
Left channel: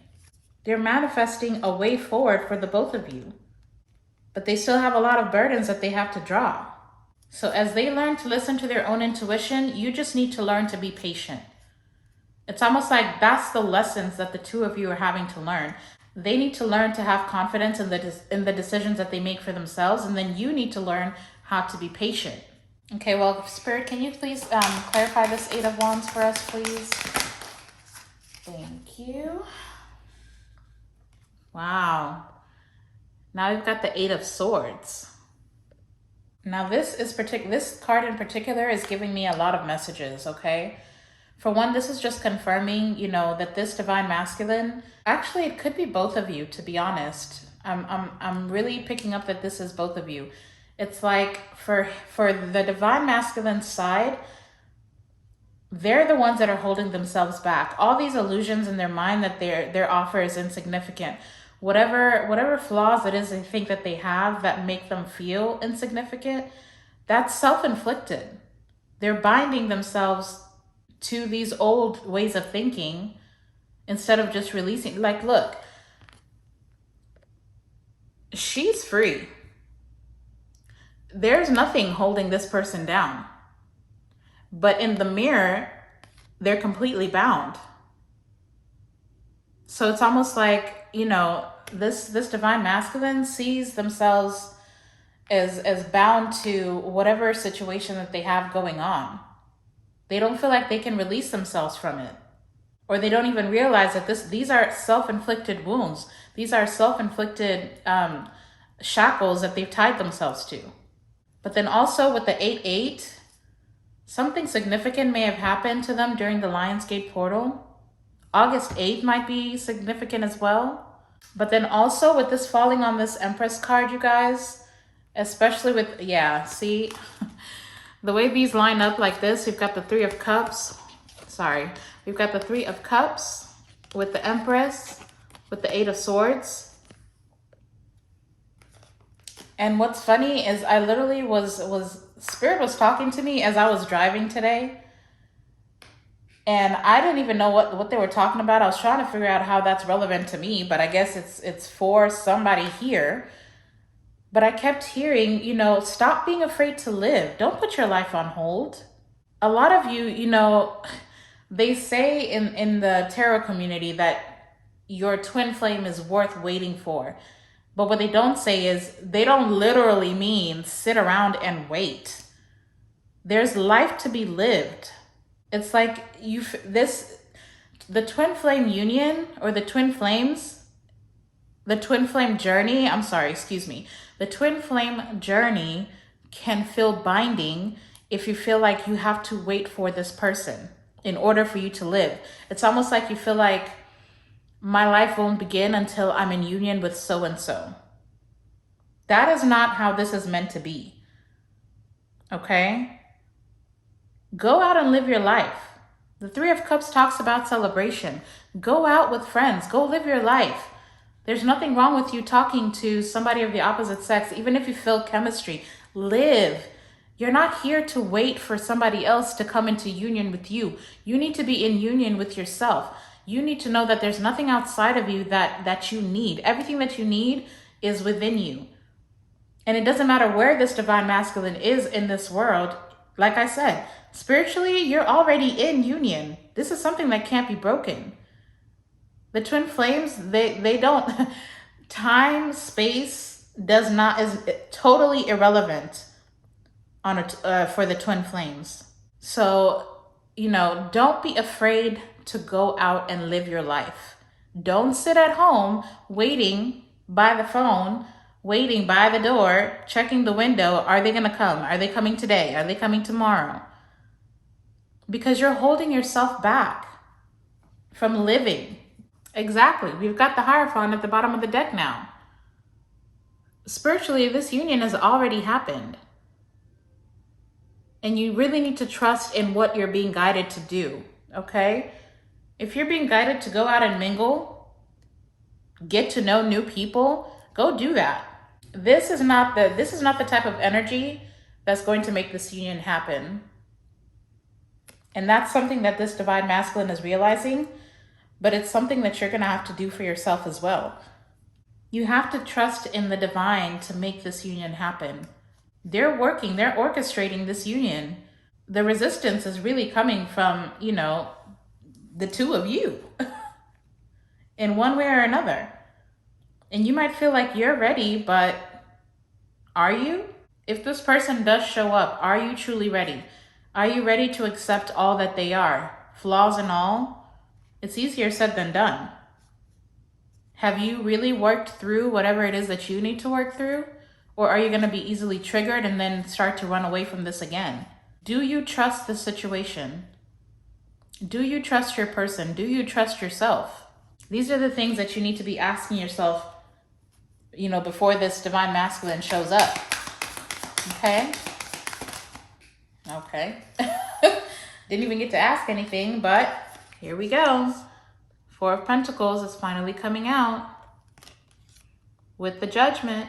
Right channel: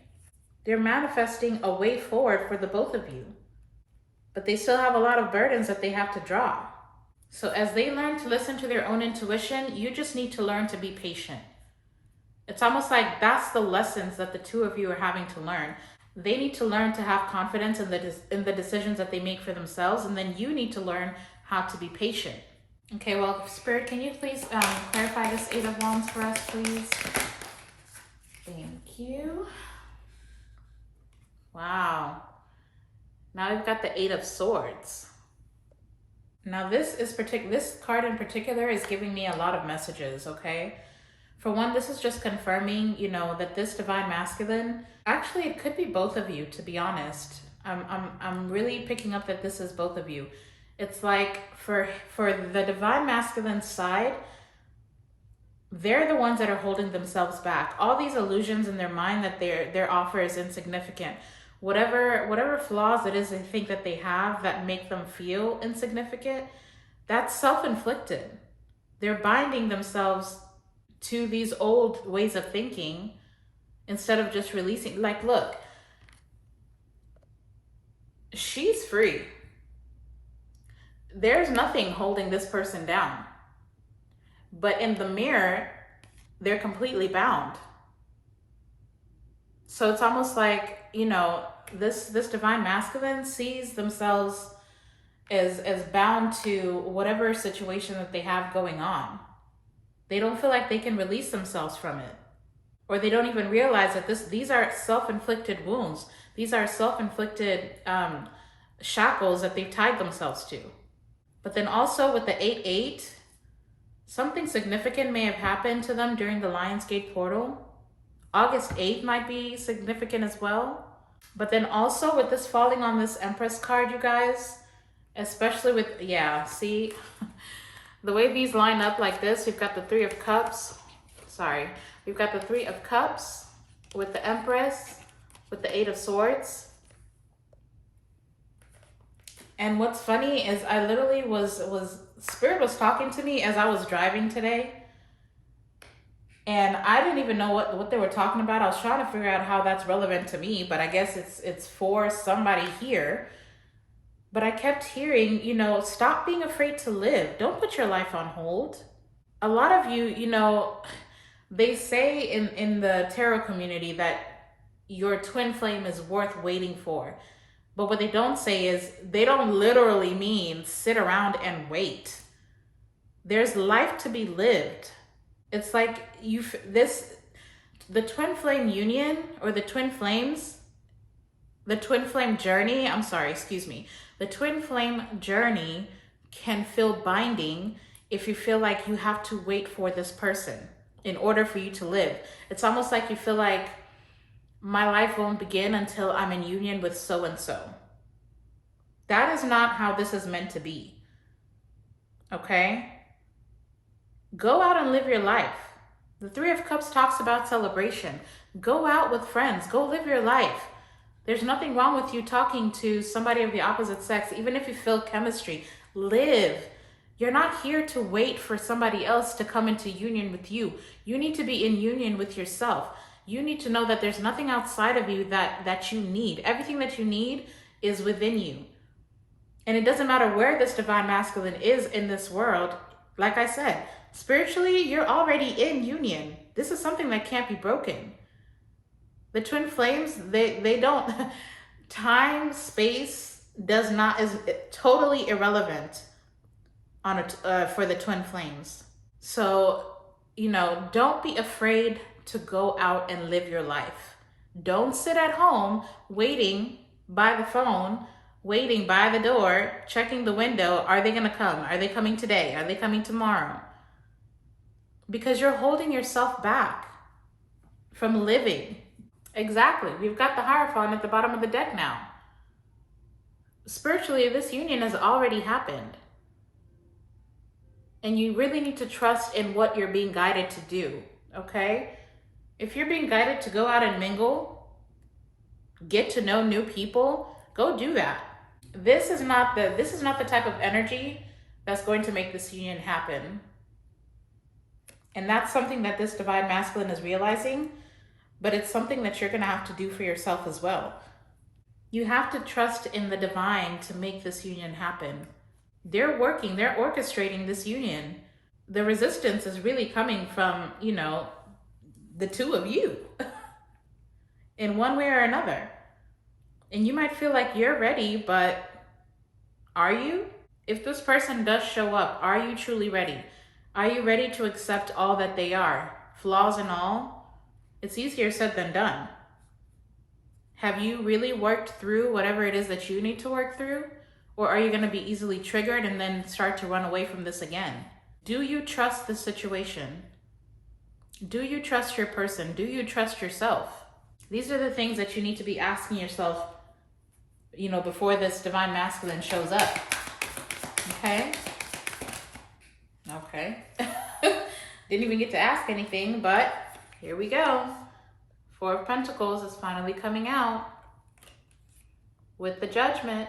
They're manifesting a way forward for the both of you. But they still have a lot of burdens that they have to draw. So as they learn to listen to their own intuition, you just need to learn to be patient. It's almost like that's the lessons that the two of you are having to learn. They need to learn to have confidence in the decisions that they make for themselves, and then you need to learn how to be patient. Okay, well, Spirit, can you please clarify this Eight of Wands for us, please? Thank you. Wow. Now we've got the Eight of Swords. Now this card in particular is giving me a lot of messages, okay? For one, this is just confirming, that this divine masculine, actually it could be both of you, to be honest. I'm really picking up that this is both of you. It's like for the divine masculine side, they're the ones that are holding themselves back. All these illusions in their mind that their offer is insignificant. Whatever flaws it is they think that they have that make them feel insignificant, that's self-inflicted. They're binding themselves to these old ways of thinking instead of just releasing. Like, look, she's free. There's nothing holding this person down. But in the mirror, they're completely bound. So it's almost like, this divine masculine sees themselves as bound to whatever situation that they have going on. They don't feel like they can release themselves from it. Or they don't even realize that these are self-inflicted wounds. These are self-inflicted shackles that they've tied themselves to. But then also with the 8-8, something significant may have happened to them during the Lionsgate portal. August 8th might be significant as well. But then also with this falling on this Empress card, you guys, especially with, see, the way these line up like this, we've got the Three of Cups. We've got the Three of Cups with the Empress, with the Eight of Swords. And what's funny is I literally Spirit was talking to me as I was driving today. And I didn't even know what they were talking about. I was trying to figure out how that's relevant to me, but I guess it's for somebody here. But I kept hearing, stop being afraid to live. Don't put your life on hold. A lot of you, they say in the tarot community that your twin flame is worth waiting for. But what they don't say is they don't literally mean sit around and wait. There's life to be lived. It's like the twin flame union or the twin flames, the twin flame journey, the twin flame journey can feel binding if you feel like you have to wait for this person in order for you to live. It's almost like you feel like my life won't begin until I'm in union with so-and-so. That is not how this is meant to be, okay? Go out and live your life. The Three of Cups talks about celebration. Go out with friends. Go live your life. There's nothing wrong with you talking to somebody of the opposite sex, even if you feel chemistry. Live. You're not here to wait for somebody else to come into union with you. You need to be in union with yourself. You need to know that there's nothing outside of you that you need. Everything that you need is within you. And it doesn't matter where this divine masculine is in this world. Like I said, spiritually, you're already in union. This is something that can't be broken. The twin flames, they don't, time, space is totally irrelevant for the twin flames. So, don't be afraid to go out and live your life. Don't sit at home waiting by the phone, waiting by the door, checking the window. Are they gonna come? Are they coming today? Are they coming tomorrow? Because you're holding yourself back from living. Exactly. We've got the Hierophant at the bottom of the deck now. Spiritually, this union has already happened. And you really need to trust in what you're being guided to do, okay? If you're being guided to go out and mingle, get to know new people, go do that. This is not the type of energy that's going to make this union happen. And that's something that this divine masculine is realizing, but it's something that you're going to have to do for yourself as well. You have to trust in the divine to make this union happen. They're working, they're orchestrating this union. The resistance is really coming from, you know, the two of you in one way or another. And you might feel like you're ready, but are you? If this person does show up, are you truly ready? Are you ready to accept all that they are, flaws and all? It's easier said than done. Have you really worked through whatever it is that you need to work through? Or are you going to be easily triggered and then start to run away from this again? Do you trust the situation? Do you trust your person? Do you trust yourself? These are the things that you need to be asking yourself, you know, before this divine masculine shows up. Okay? Okay. Didn't even get to ask anything, but here we go. Four of Pentacles is finally coming out with the Judgment.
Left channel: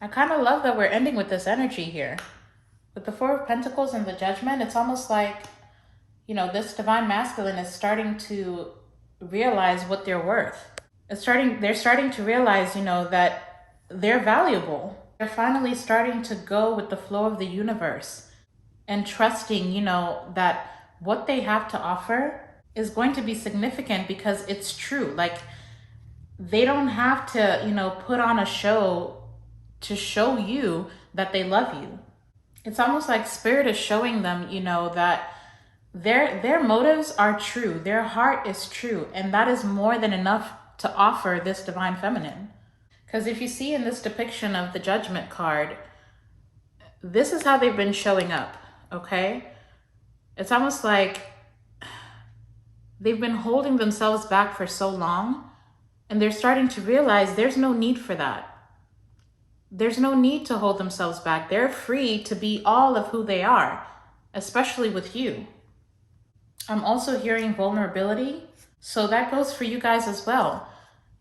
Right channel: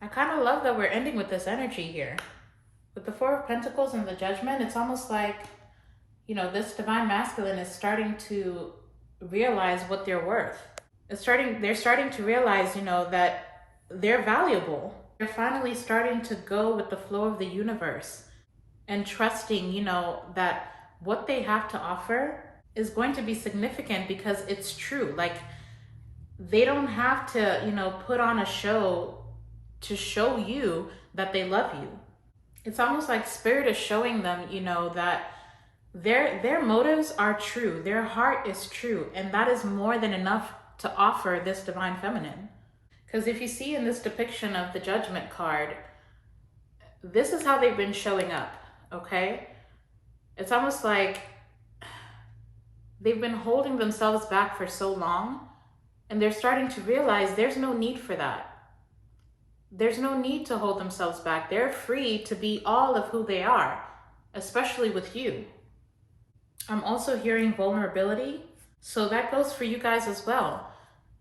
I kind of love that we're ending with this energy here. With the Four of Pentacles and the Judgment, it's almost like, you know, this divine masculine is starting to realize what they're worth. They're starting to realize, you know, that they're valuable. They're finally starting to go with the flow of the universe and trusting, you know, that what they have to offer is going to be significant because it's true. Like, they don't have to, you know, put on a show to show you that they love you. It's almost like Spirit is showing them, you know, that their motives are true. Their heart is true. And that is more than enough to offer this divine feminine. Because if you see in this depiction of the Judgment card, this is how they've been showing up, okay? It's almost like they've been holding themselves back for so long, and they're starting to realize there's no need for that. There's no need to hold themselves back. They're free to be all of who they are, especially with you. I'm also hearing vulnerability, so that goes for you guys as well.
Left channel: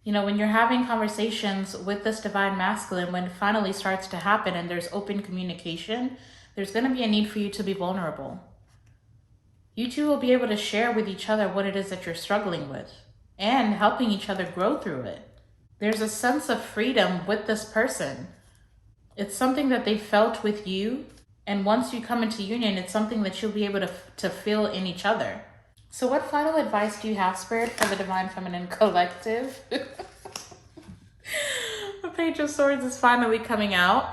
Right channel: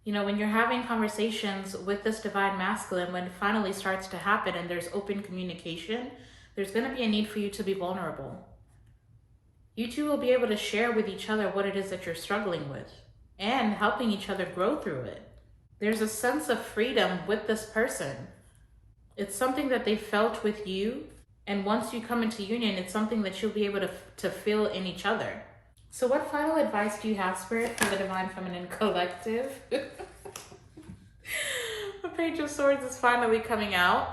You know, when you're having conversations with this divine masculine, when it finally starts to happen and there's open communication, there's going to be a need for you to be vulnerable. You two will be able to share with each other what it is that you're struggling with and helping each other grow through it. There's a sense of freedom with this person. It's something that they felt with you. And once you come into union, it's something that you'll be able to feel in each other. So what final advice do you have, Spirit, for the Divine Feminine Collective? The Page of Swords is finally coming out.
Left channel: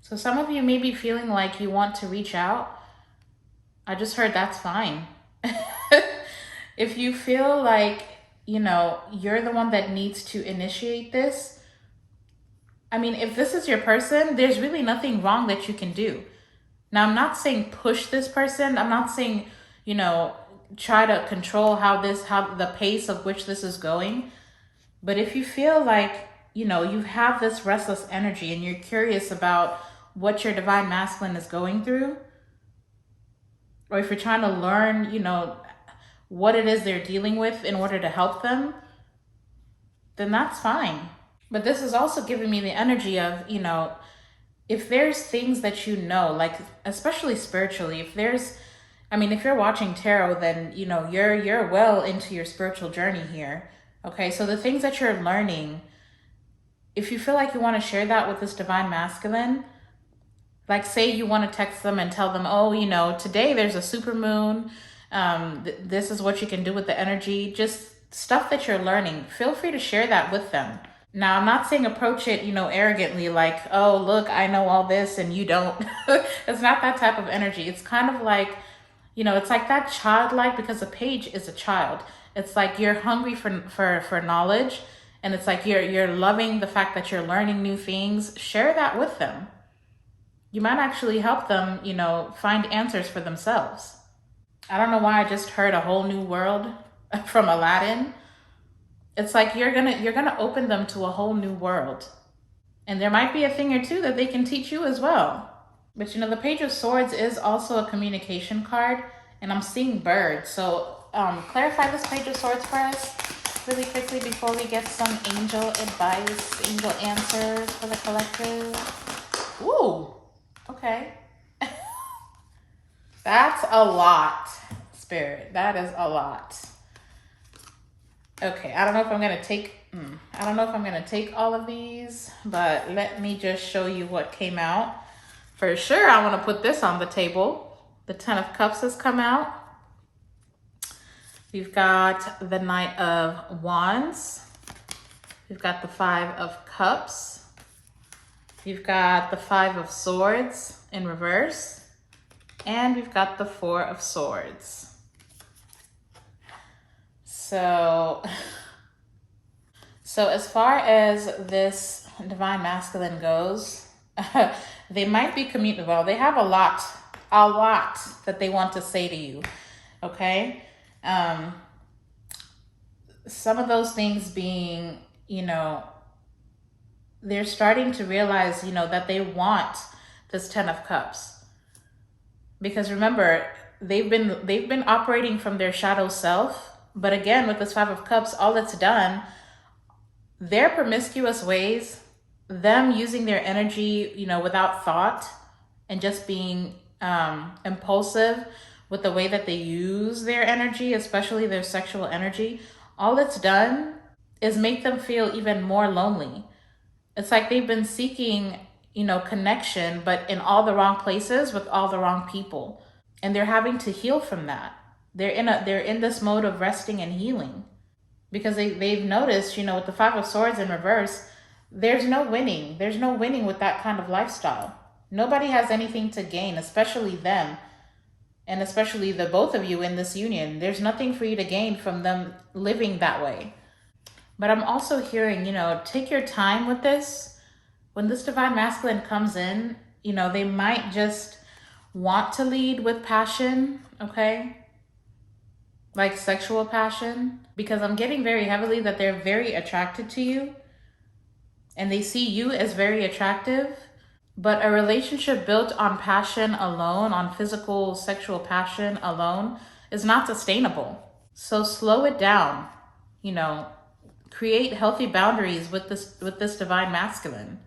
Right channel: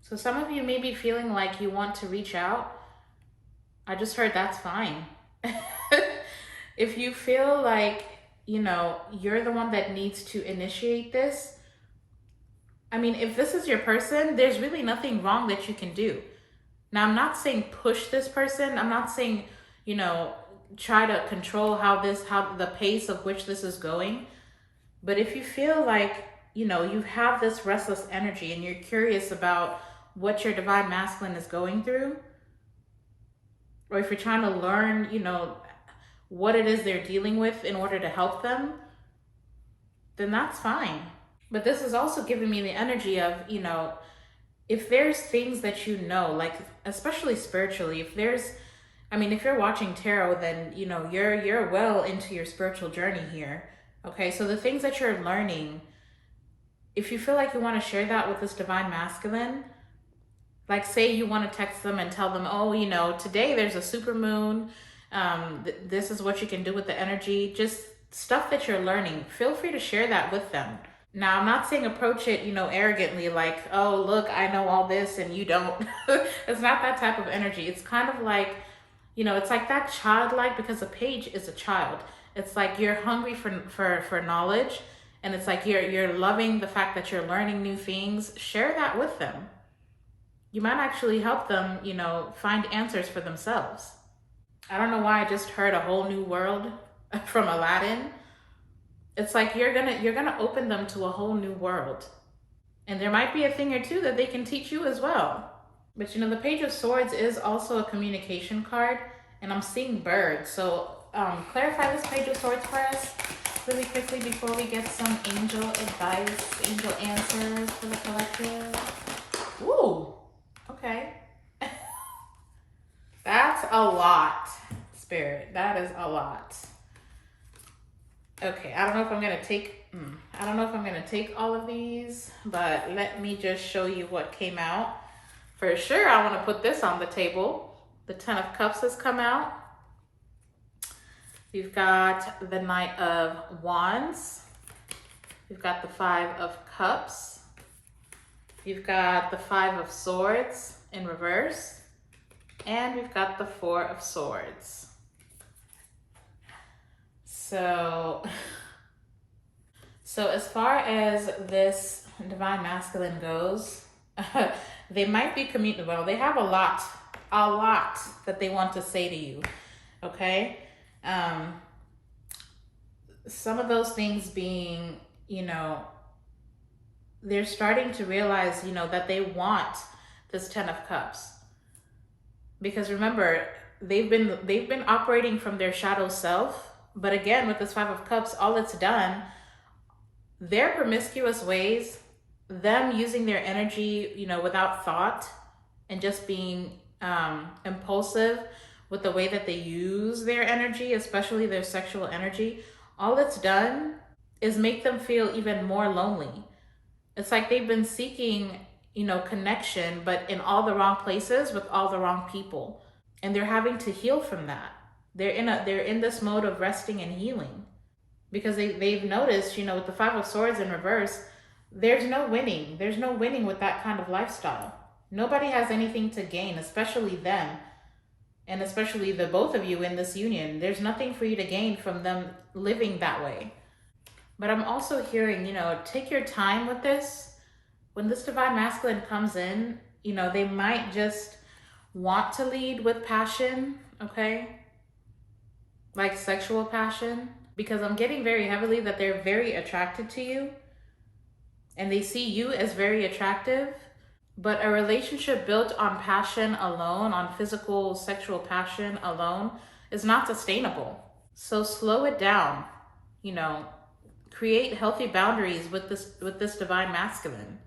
So some of you may be feeling like you want to reach out. I just heard that's fine. If you feel like, you know, you're the one that needs to initiate this, I mean, if this is your person, there's really nothing wrong that you can do. Now, I'm not saying push this person. I'm not saying, you know, try to control how the pace of which this is going. But if you feel like, you know, you have this restless energy and you're curious about what your divine masculine is going through, or if you're trying to learn, you know, what it is they're dealing with in order to help them, then that's fine. But this is also giving me the energy of, you know, if there's things that you know, like especially spiritually, if you're watching tarot, then, you know, you're well into your spiritual journey here. Okay, so the things that you're learning, if you feel like you want to share that with this divine masculine, like say you want to text them and tell them, oh, you know, today there's a super moon. This is what you can do with the energy, just stuff that you're learning. Feel free to share that with them. Now, I'm not saying approach it, you know, arrogantly, like, oh, look, I know all this and you don't. It's not that type of energy. It's kind of like, you know, it's like that childlike, because a page is a child. It's like you're hungry for knowledge, and it's like you're loving the fact that you're learning new things. Share that with them. You might actually help them, you know, find answers for themselves. I don't know why I just heard a whole new world from Aladdin. It's like you're gonna open them to a whole new world. And there might be a thing or two that they can teach you as well. But you know, the Page of Swords is also a communication card, and I'm seeing birds. So clarify this Page of Swords for us. really quickly before we get some angel advice, angel answers for the collective. Ooh, okay. That's a lot, Spirit. That is a lot. Okay, I don't know if I'm gonna take, I don't know if I'm gonna take all of these, but let me just show you what came out. For sure, I wanna put this on the table. The 10 of Cups has come out. We've got the Knight of Wands. We've got the 5 of Cups. We've got the 5 of Swords in reverse. And we've got the 4 of Swords. So as far as this Divine Masculine goes, they might be well, they have a lot that they want to say to you, okay? Some of those things being, you know, they're starting to realize, you know, that they want this 10 of Cups. Because remember, they've been operating from their shadow self. But again, with this 5 of Cups, all it's done, their promiscuous ways, them using their energy, you know, without thought and just being impulsive with the way that they use their energy, especially their sexual energy, all it's done is make them feel even more lonely. It's like they've been seeking, you know, connection, but in all the wrong places with all the wrong people. And they're having to heal from that. They're in this mode of resting and healing because they've noticed, you know, with the 5 of Swords in reverse, there's no winning. There's no winning with that kind of lifestyle. Nobody has anything to gain, especially them. And especially the both of you in this union. There's nothing for you to gain from them living that way. But I'm also hearing, you know, take your time with this. When this Divine Masculine comes in, you know, they might just want to lead with passion, okay? Like sexual passion, because I'm getting very heavily that they're very attracted to you and they see you as very attractive, but a relationship built on passion alone, on physical sexual passion alone, is not sustainable. So slow it down, you know, create healthy boundaries with this Divine Masculine,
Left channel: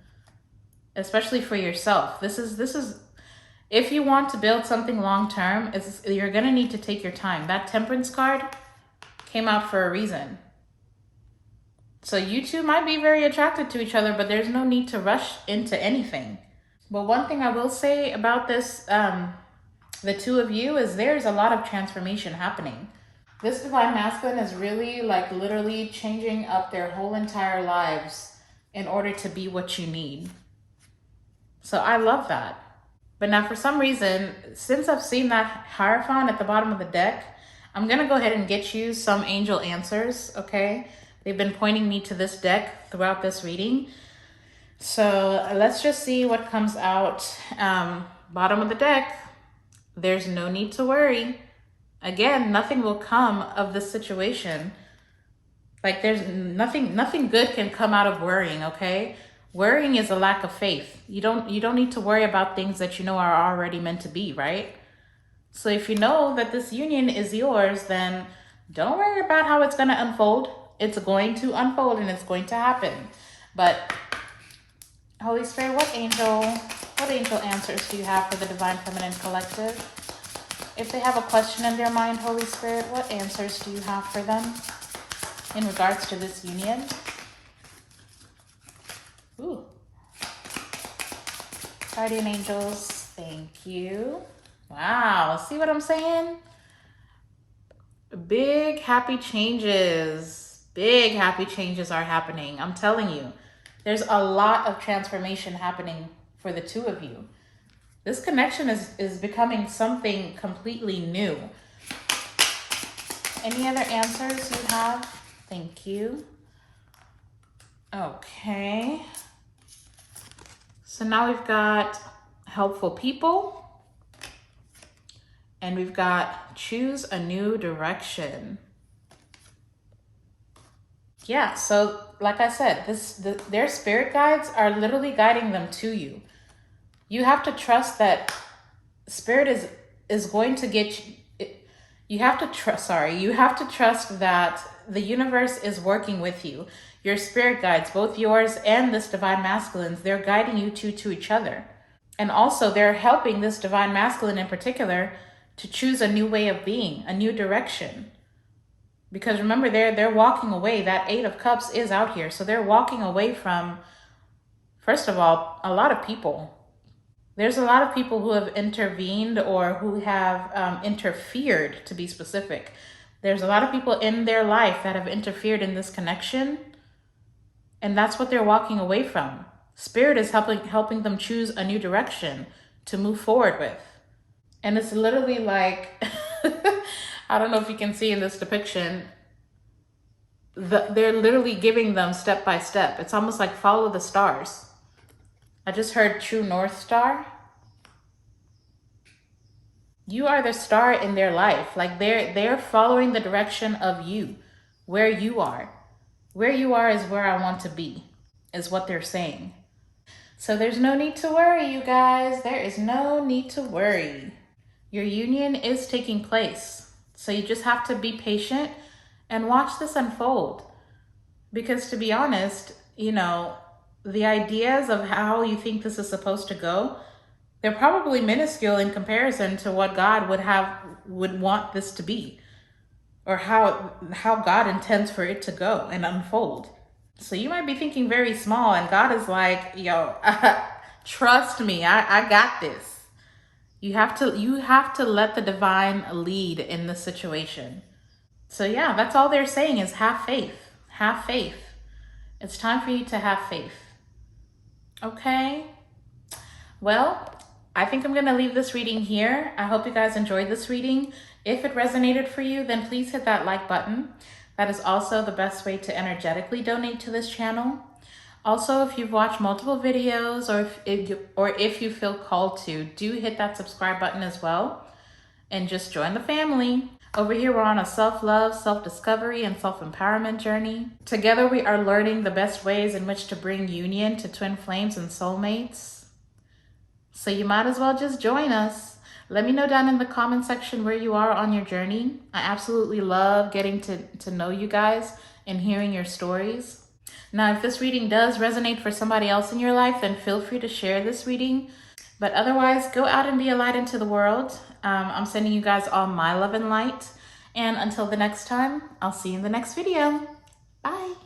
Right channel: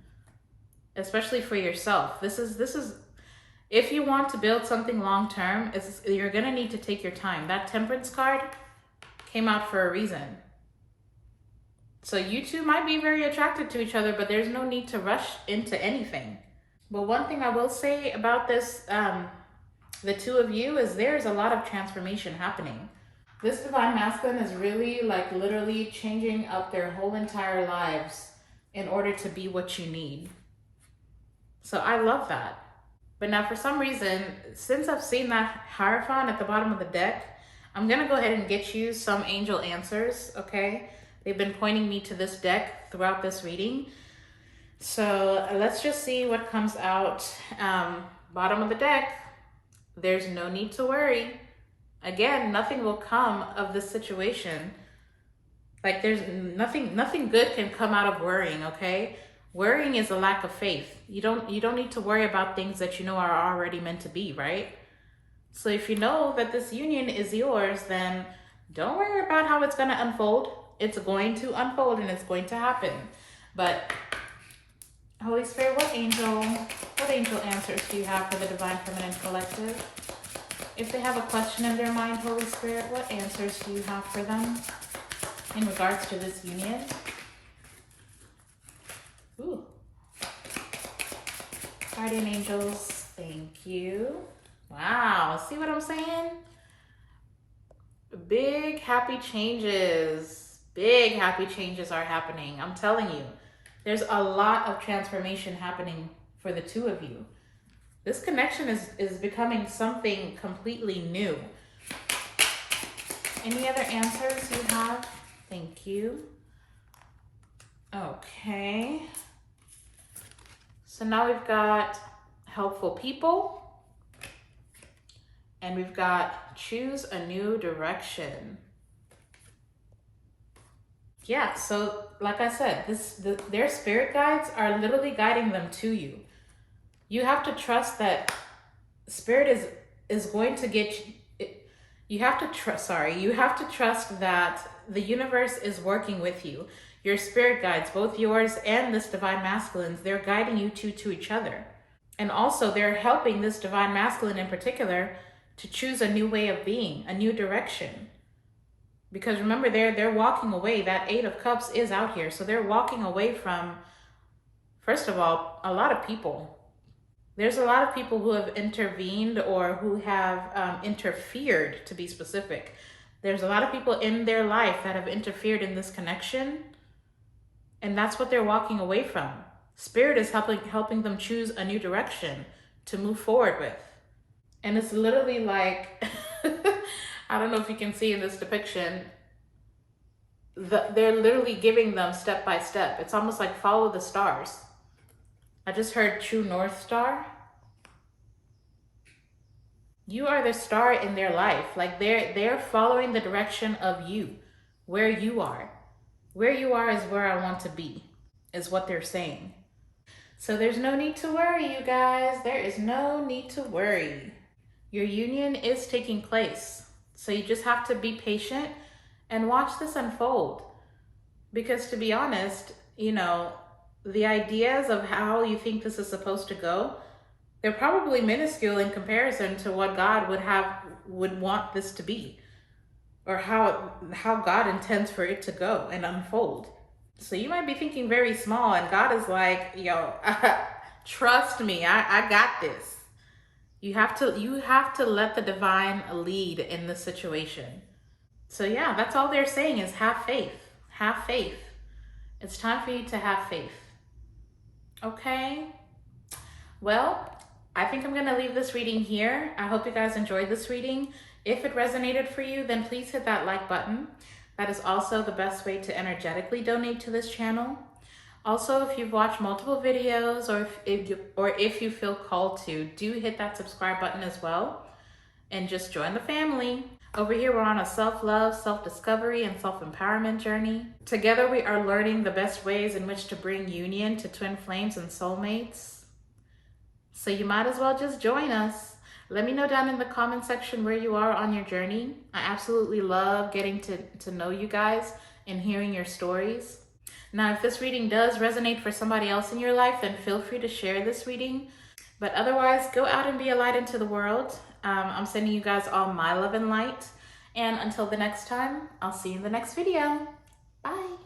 especially for yourself. This is if you want to build something long-term, you're gonna need to take your time. That Temperance card came out for a reason. So you two might be very attracted to each other, but there's no need to rush into anything. But one thing I will say about this, the two of you, is there's a lot of transformation happening. This Divine Masculine is really like literally changing up their whole entire lives in order to be what you need. So I love that. But now for some reason, since I've seen that Hierophant at the bottom of the deck, I'm gonna go ahead and get you some angel answers, okay? They've been pointing me to this deck throughout this reading. So let's just see what comes out. Bottom of the deck, there's no need to worry. Again, nothing will come of this situation. Like there's nothing good can come out of worrying, okay? Worrying is a lack of faith. You don't need to worry about things that you know are already meant to be, right? So if you know that this union is yours, then don't worry about how it's going to unfold. It's going to unfold and it's going to happen. But Holy Spirit, what angel answers do you have for the Divine Feminine Collective? If they have a question in their mind, Holy Spirit, what answers do you have for them in regards to this union? Ooh. Guardian angels, thank you. Wow, see what I'm saying? Big happy changes. Big happy changes are happening. I'm telling you, there's a lot of transformation happening for the two of you. This connection is becoming something completely new. Any other answers you have? Thank you. Okay. So now we've got helpful people and we've got choose a new direction. Yeah, so like I said, their spirit guides are literally guiding them to you. You have to trust that spirit is going to get you. You have to trust that the universe is working with you. Your spirit guides, both yours and this divine masculine's, they're guiding you to each other. And also they're helping this divine masculine in particular to choose a new way of being, a new direction. Because remember, they're walking away. That Eight of Cups is out here. So they're walking away from, first of all, a lot of people. There's a lot of people who have intervened or who have interfered, to be specific. There's a lot of people in their life that have interfered in this connection. And that's what they're walking away from. Spirit is helping them choose a new direction to move forward with. And it's literally like, I don't know if you can see in this depiction, they're literally giving them step by step. It's almost like follow the stars. I just heard true North Star. You are the star in their life. Like they're following the direction of you, where you are. Where you are is where I want to be, is what they're saying. So there's no need to worry, you guys. There is no need to worry. Your union is taking place. So you just have to be patient and watch this unfold. Because to be honest, you know, the ideas of how you think this is supposed to go, they're probably minuscule in comparison to what God would want this to be, or how God intends for it to go and unfold. So you might be thinking very small, and God is like, yo, trust me, I got this. You have to let the divine lead in this situation. So yeah, that's all they're saying is have faith. Have faith. It's time for you to have faith. Okay? Well, I think I'm gonna leave this reading here. I hope you guys enjoyed this reading. If it resonated for you, then please hit that like button. That is also the best way to energetically donate to this channel. Also, if you've watched multiple videos or if you feel called to, do hit that subscribe button as well and just join the family. Over here, we're on a self-love, self-discovery, and self-empowerment journey. Together, we are learning the best ways in which to bring union to twin flames and soulmates. So you might as well just join us. Let me know down in the comment section where you are on your journey. I absolutely love getting to know you guys and hearing your stories. Now, if this reading does resonate for somebody else in your life, then feel free to share this reading. But otherwise, go out and be a light into the world. I'm sending you guys all my love and light. And until the next time, I'll see you in the next video. Bye.